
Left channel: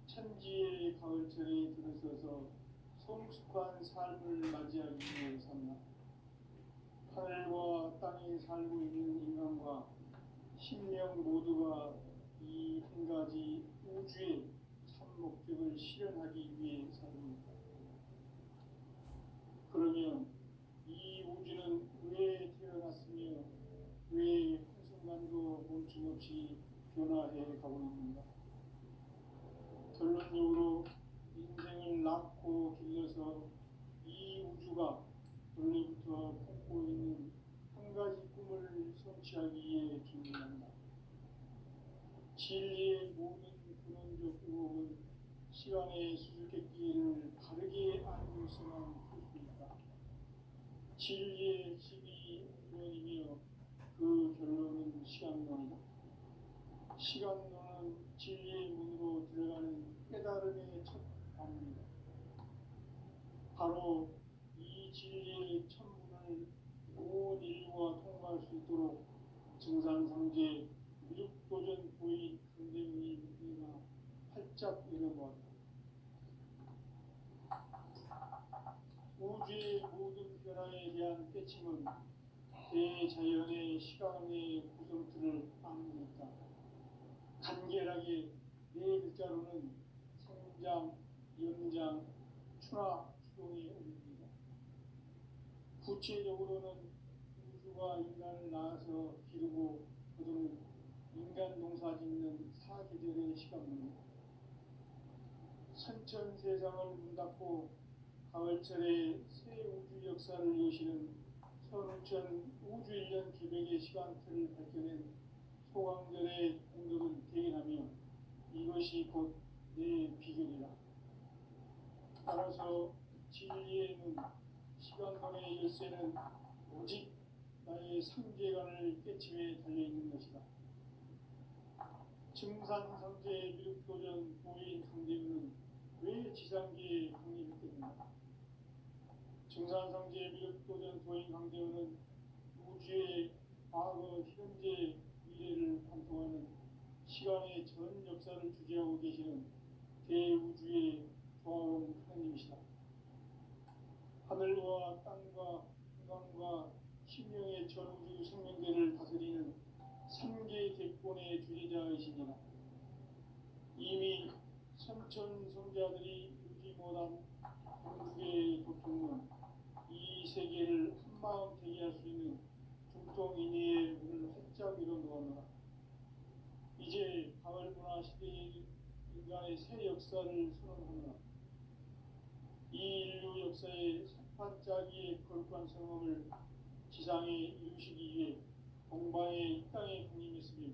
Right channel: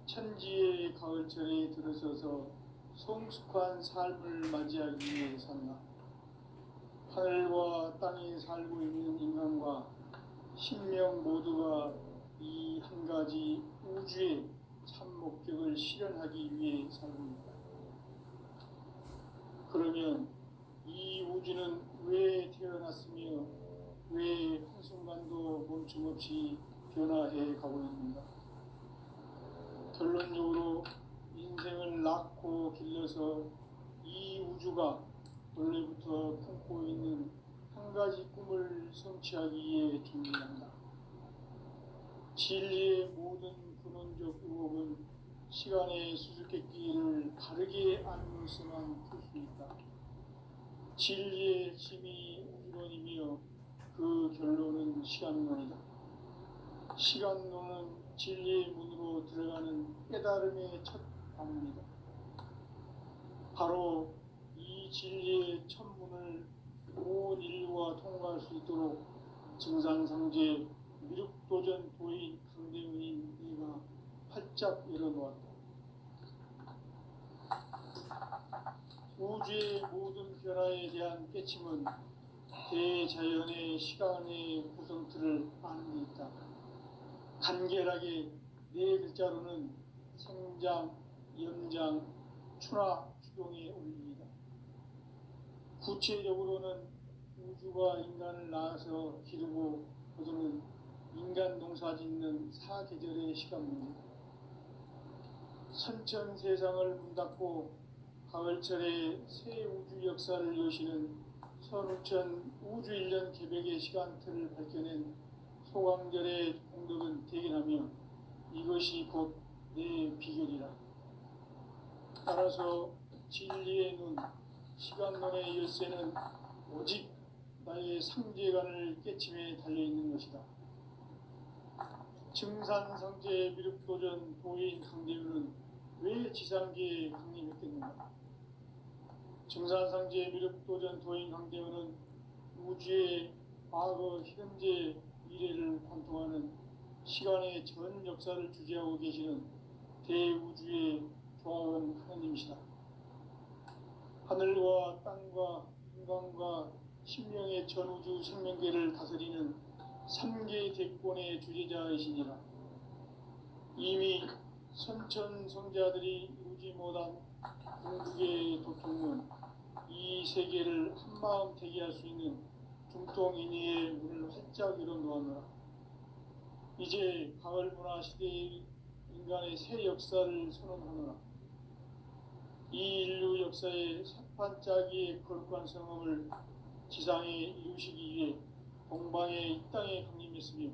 천지의 가을철에 들어서서 성숙한 삶을 맞이하기 위해 산다. 하늘과 땅에 살고 있는 인간과 신명 모두가 이 한 가지 우주의 참 목적을 실현하기 위해 살고 있다. 그러면 이 우주는 왜 태어났으며 왜 한순간도 멈춤없이 변화해 가고 있는가? 결론적으로 인생을 낳고 길러서 이 우주가 원래부터 품고 있는 한 가지 꿈을 성취하기 위해 준비한다. 진리의 모든 근원적 의혹은 시간의 수수께끼를 바르게 알고서만 풀 수 있다. 진리의 핵심이 우주론이며 그 결론은 시간론이다. 시간론은 진리의 문으로 들어가는 깨달음의 첫 방문이다. 바로 이 진리의 천문을 온 인류가 통과할 수 있도록 증산상제 미륵도전 도인 강대문인 이가 활짝 열어놓았다. 우주의 모든 변화에 대한 깨침은 대자연의 시간의 구성틀을 아는 데 있다. 간결하게 네 글자로는 생장, 염장, 추나 추동의 원리이다. 구체적으로는 우주가 인간을 낳아서 기르고 거두는 인간 농사 짓는 사계절의 시간입니다. 선천 세상을 문 닫고 가을철에 새 우주 역사를 여시는 선우천 우주 1년 개백의 시간틀을 밝혀낸 소강절의 공덕은 대견하며 이것이 곧 내 비결이라. 따라서 진리의 눈, 시간론의 열쇠는 오직 나의 상제관을 깨침에 달려있는 것이다. 증산상제 미륵도전 도인 강대윤은 왜 지상계에 강림했겠는가? 증산상제 미륵도전 도인 강대윤은 우주의 과거, 현재, 미래를 관통하는 시간의 전 역사를 주재하고 계시는 대우주의 조화원 하느님이시다. 하늘과 땅과 인간과 신명의 전우주 생명계를 다스리는 3개 대권의 주제자이시니라. 이미 선천성자들이 이루지 못한 궁극의 도통은 이 세계를 한마음 되게 할 수 있는 중통인의의 문을 활짝 열어놓았노라. 이제 가을 문화 시대의 인간의 새 역사를 선언하노라. 이 인류 역사의 새판짜기의 거룩한 성험을 지상에 이루시기 위해 동방의 이 땅에 강림했으며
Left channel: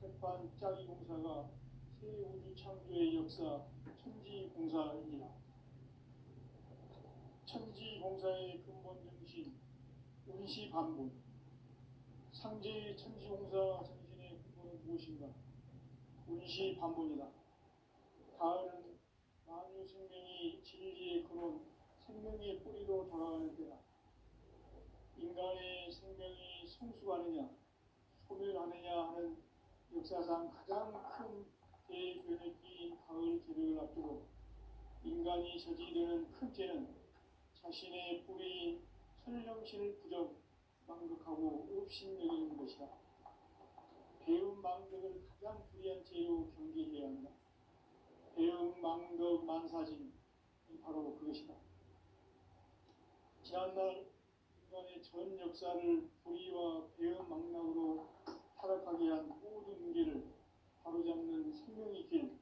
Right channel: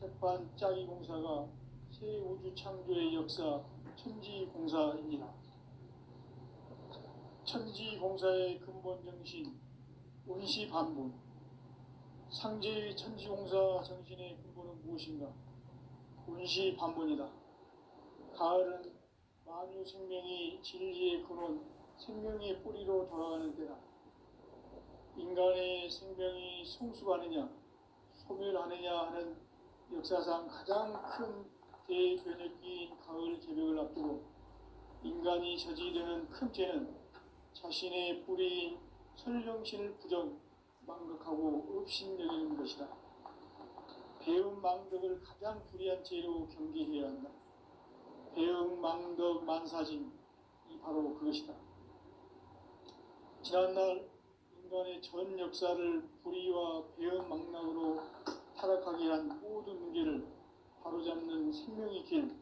새판짜기 공사가 새 우주 창조의 역사 천지공사입니다. 천지공사의 근본 정신 운시반본. 상제의 천지공사 정신의 근본은 무엇인가? 운시반본이다. 가을은 만유 생명이 진리의 근원, 생명의 뿌리로 돌아가는 때다. 인간의 생명이 성숙하느냐, 소멸하느냐 하는 역사상 가장 큰 대변혁기인 가을 개벽을 앞두고 인간이 저지르는 큰 죄는 자신의 뿌리인 설령신을 부정, 망각하고 업신여기는 것이다. 배음 망덕을 가장 불의한 죄로 경계해야 한다. 배음 망덕 만사진이 바로 그것이다. 지난날 인간의 전 역사를 불의와 배음 망락으로 타락하게 한 모든 문제를 바로잡는 생명의 길,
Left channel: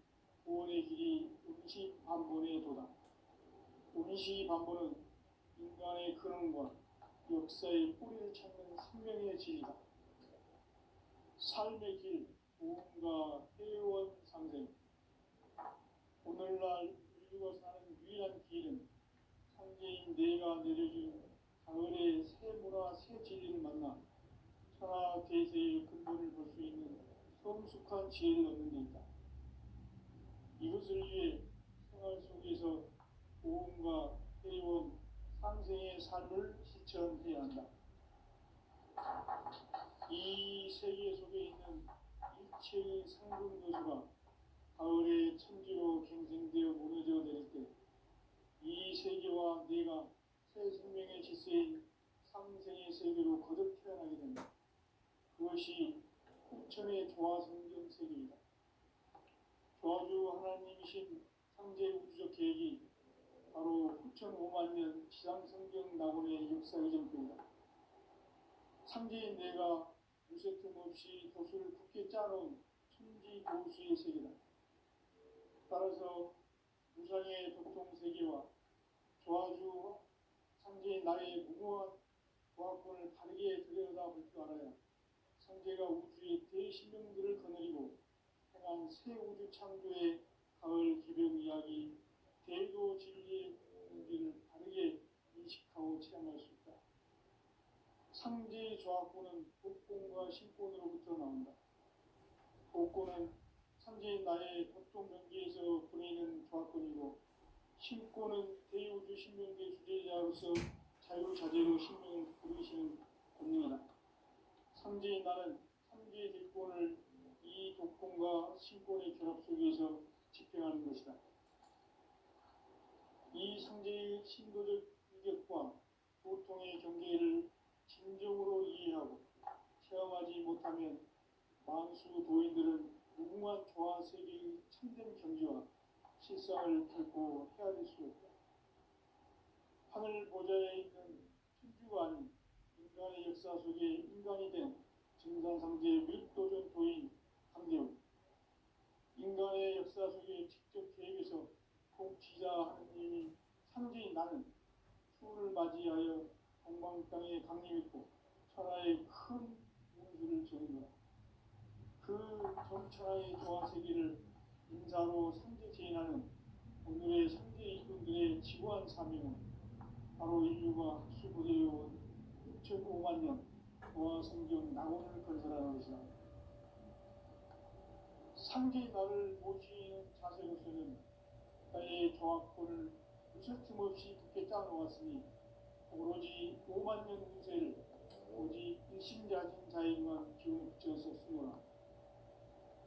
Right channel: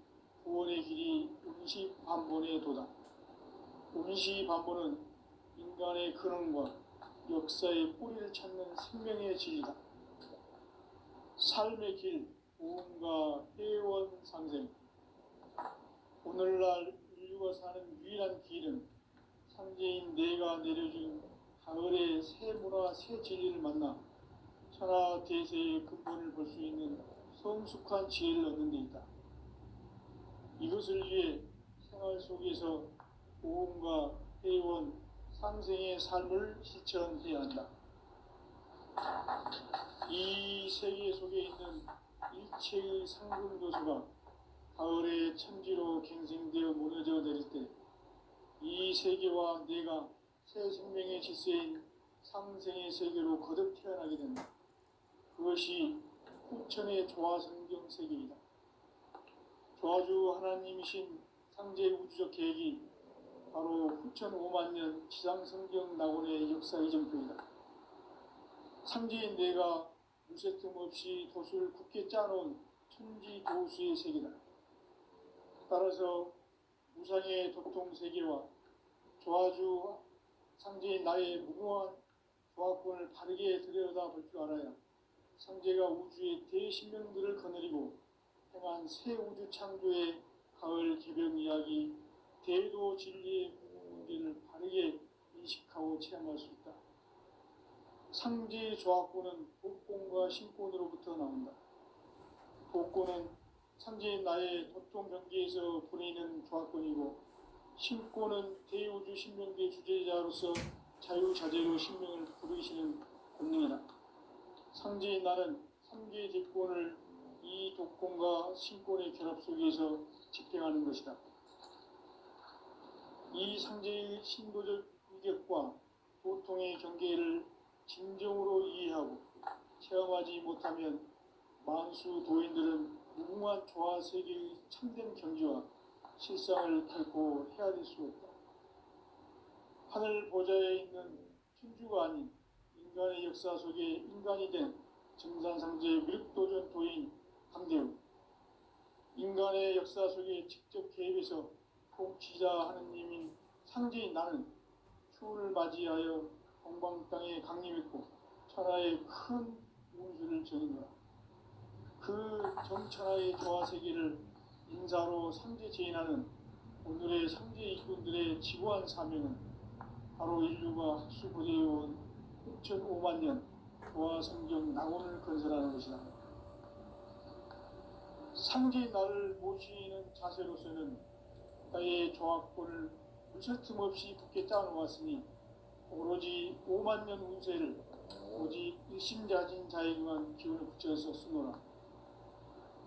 구원의 길이 운시반본의 도다. 운시반본은 인간의 근원과 역사의 뿌리를 찾는 생명의 진리다. 삶의 길, 보험과 회원 상생. 오늘날 인류가 사는 유일한 길은 상제인 내가 내려준 가을의 새 문화, 새 진리를 만나 천하 대세의 근본을 볼 수 있는 성숙한 지혜를 얻는 데 있다. 이것을 위해 생활 속에서 고음과 회원, 상생의 삶을 실천해야 한다. 이 세계 속에 있는 일체의 상승도수가 가을의 천지로 갱생되어 무너져 내릴 때 이 세계와 내가 새 생명의 질서인 상생의 세계로 거듭 태어나게 된다. 그것이 후천의 조화성경 세계이다. 조화주 하나님이신 상제 우주적 계획이 바로 후천 5만 년 지상성경 낙원의 역사 이전표이다. 상제인 내가 무쇠 틈 없이 도수를 굳게 짜놓은 천지 도수의 세계다. 따라서 무상의 도통 세계와 조화주 상제인 나의 무궁한 조화권을 바르게 들여다볼 줄 알아야 상제가 우주의 대신명들을 거느리고 행한 새 우주 창조의 가을 개벽 이야기, 대도 진리의 문제를 바르게 인식하고 체험할 수 있다. 상제의 조화권은 복권과 신권으로부터 나온다. 복권은 상제인 나의 도통 경계에서 부리는 조화권이고, 신권은 대우주 신명계 주제자로서 자유자재로 신명을 부르시는 권능이다. 상제인 나는 3개의 대권을 이 독권과 신권의 결합 속에서 집행하는 것이다. 이 상제의 신고적 위격과 도통의 경계를 진정으로 이해하고 체험하지 못하면 만수 도인들은 무궁한 조화 세계의 참된 경지와 실상을 결코 헤아릴 수 없다. 하늘 보좌에 있는 천주가 아닌 인간의 역사 속에 인간이 된 정산상제 밀도전 도인 강대우, 인간의 역사 속에 직접 개입해서 통치자 하느님인 상제인 나는 추운을 맞이하여 동방 땅에 강림했고 천하의 큰 운수를 전했노라. 그 정천하의 조화 세계를 인사로 상제 제인하는 오늘의 상제 이군들의 지구한 사명은 바로 인류가 학수부대해온 6,5만 년 조화 성경 낙원을 건설하는 것이다. 상제인 나를 모시는 자세로서는 나의 조화권을 무쇠틈 없이 굳게 짜놓았으니 오로지 5만 년 운세를 오직 일심자진 자에게만 기운을 붙여서 쓰노라.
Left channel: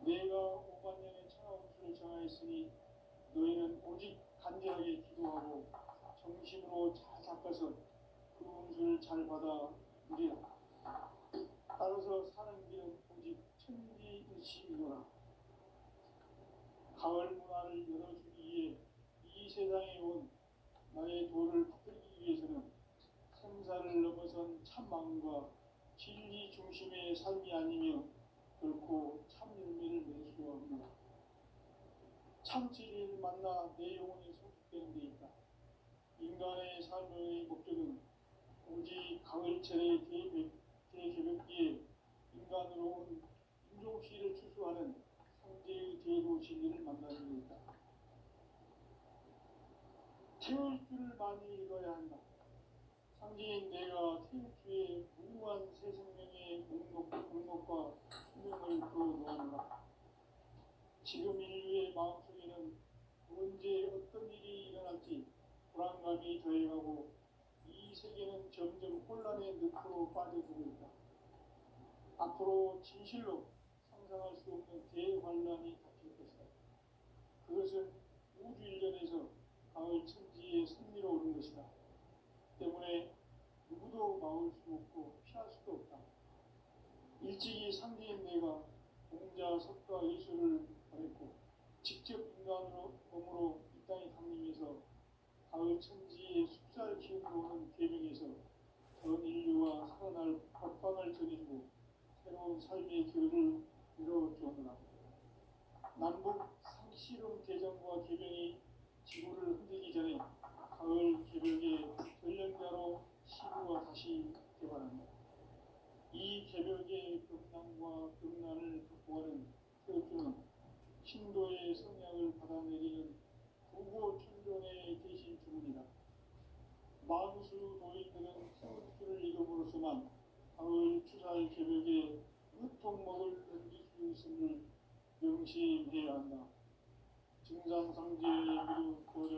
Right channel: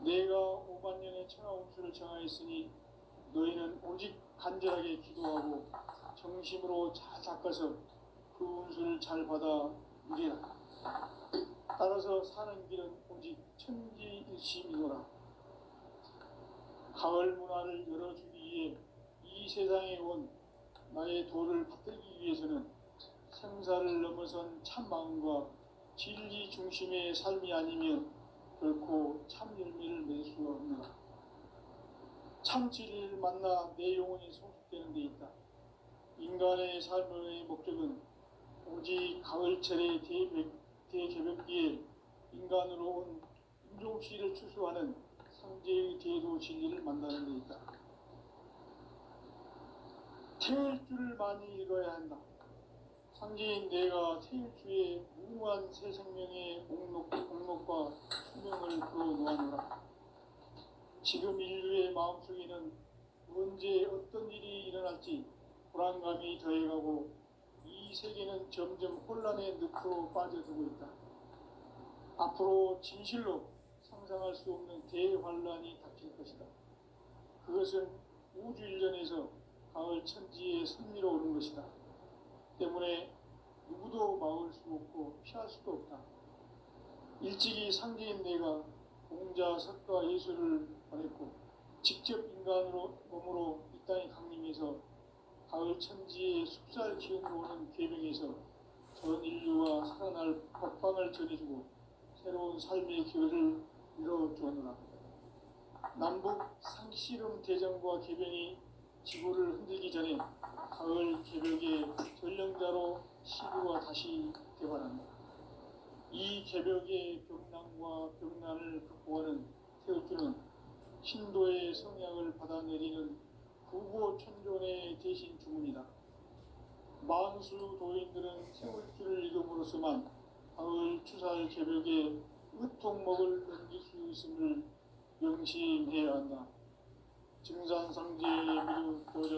내가 5만 년의 천하 운수를 정하였으니 너희는 오직 간절하게 기도하고 정심으로 잘 닦아서 그 운수를 잘 받아 누리라. 따라서 사는 길은 오직 천지일심이노라. 가을 문화를 열어주기 위해 이 세상에 온 나의 도를 받들기 위해서는 생사를 넘어선 참마음과 진리 중심의 삶이 아니면 결코 참 열매를 낼 수가 없노라. 참 진리를 만나 내 영혼이 성숙되는 데 있다. 인간의 삶의 목적은 오직 가을철의 대개벽기에 인간으로 온 인종씨를 추수하는 상제의 대도 진리를 만나는 데 있다. 태일주를 많이 읽어야 한다. 상제인 내가 태일주의 무궁한 새 생명의 목록과 수명을 그어놓아노라. 지금 인류의 마음속에는 언제 어떤 일이 일어날지 불안감이 더해가고 이 세계는 점점 혼란의 늪으로 빠져들고 있다. 앞으로 진실로 상상할 수 없는 대환란이 닥칠 것이다. 그것은 우주 일전에서 가을 천지에 선미로 오는 것이다. 때문에 누구도 막을 수 없고 피할 수도 없다. 일찍이 상제인 내가 공자, 석가, 예수를 보냈고 직접 인간으로 몸으로 이 땅에 강림해서 가을 천지의 숲살 기운으로 오는 계명에서 전 인류와 살아날 법방을 전해주고 새로운 삶의 길을 이뤄주었노라. 남북 상씨름 대전과 개변이 지구를 흔들기 전에 가을 개벽의 전령자로 시구가 다시 개발한다. 이 개벽의 벽난과 벽난을 극복하는 태극주는 신도의 성향을 받아내리는 구고 천존의 대신 주문이다. 만수 도인들은 세월길을 이름으로서만 가을 추사의 새벽에 으통목을 넘길 수 있음을 명심해야 한다. 증산상제의 미루 교령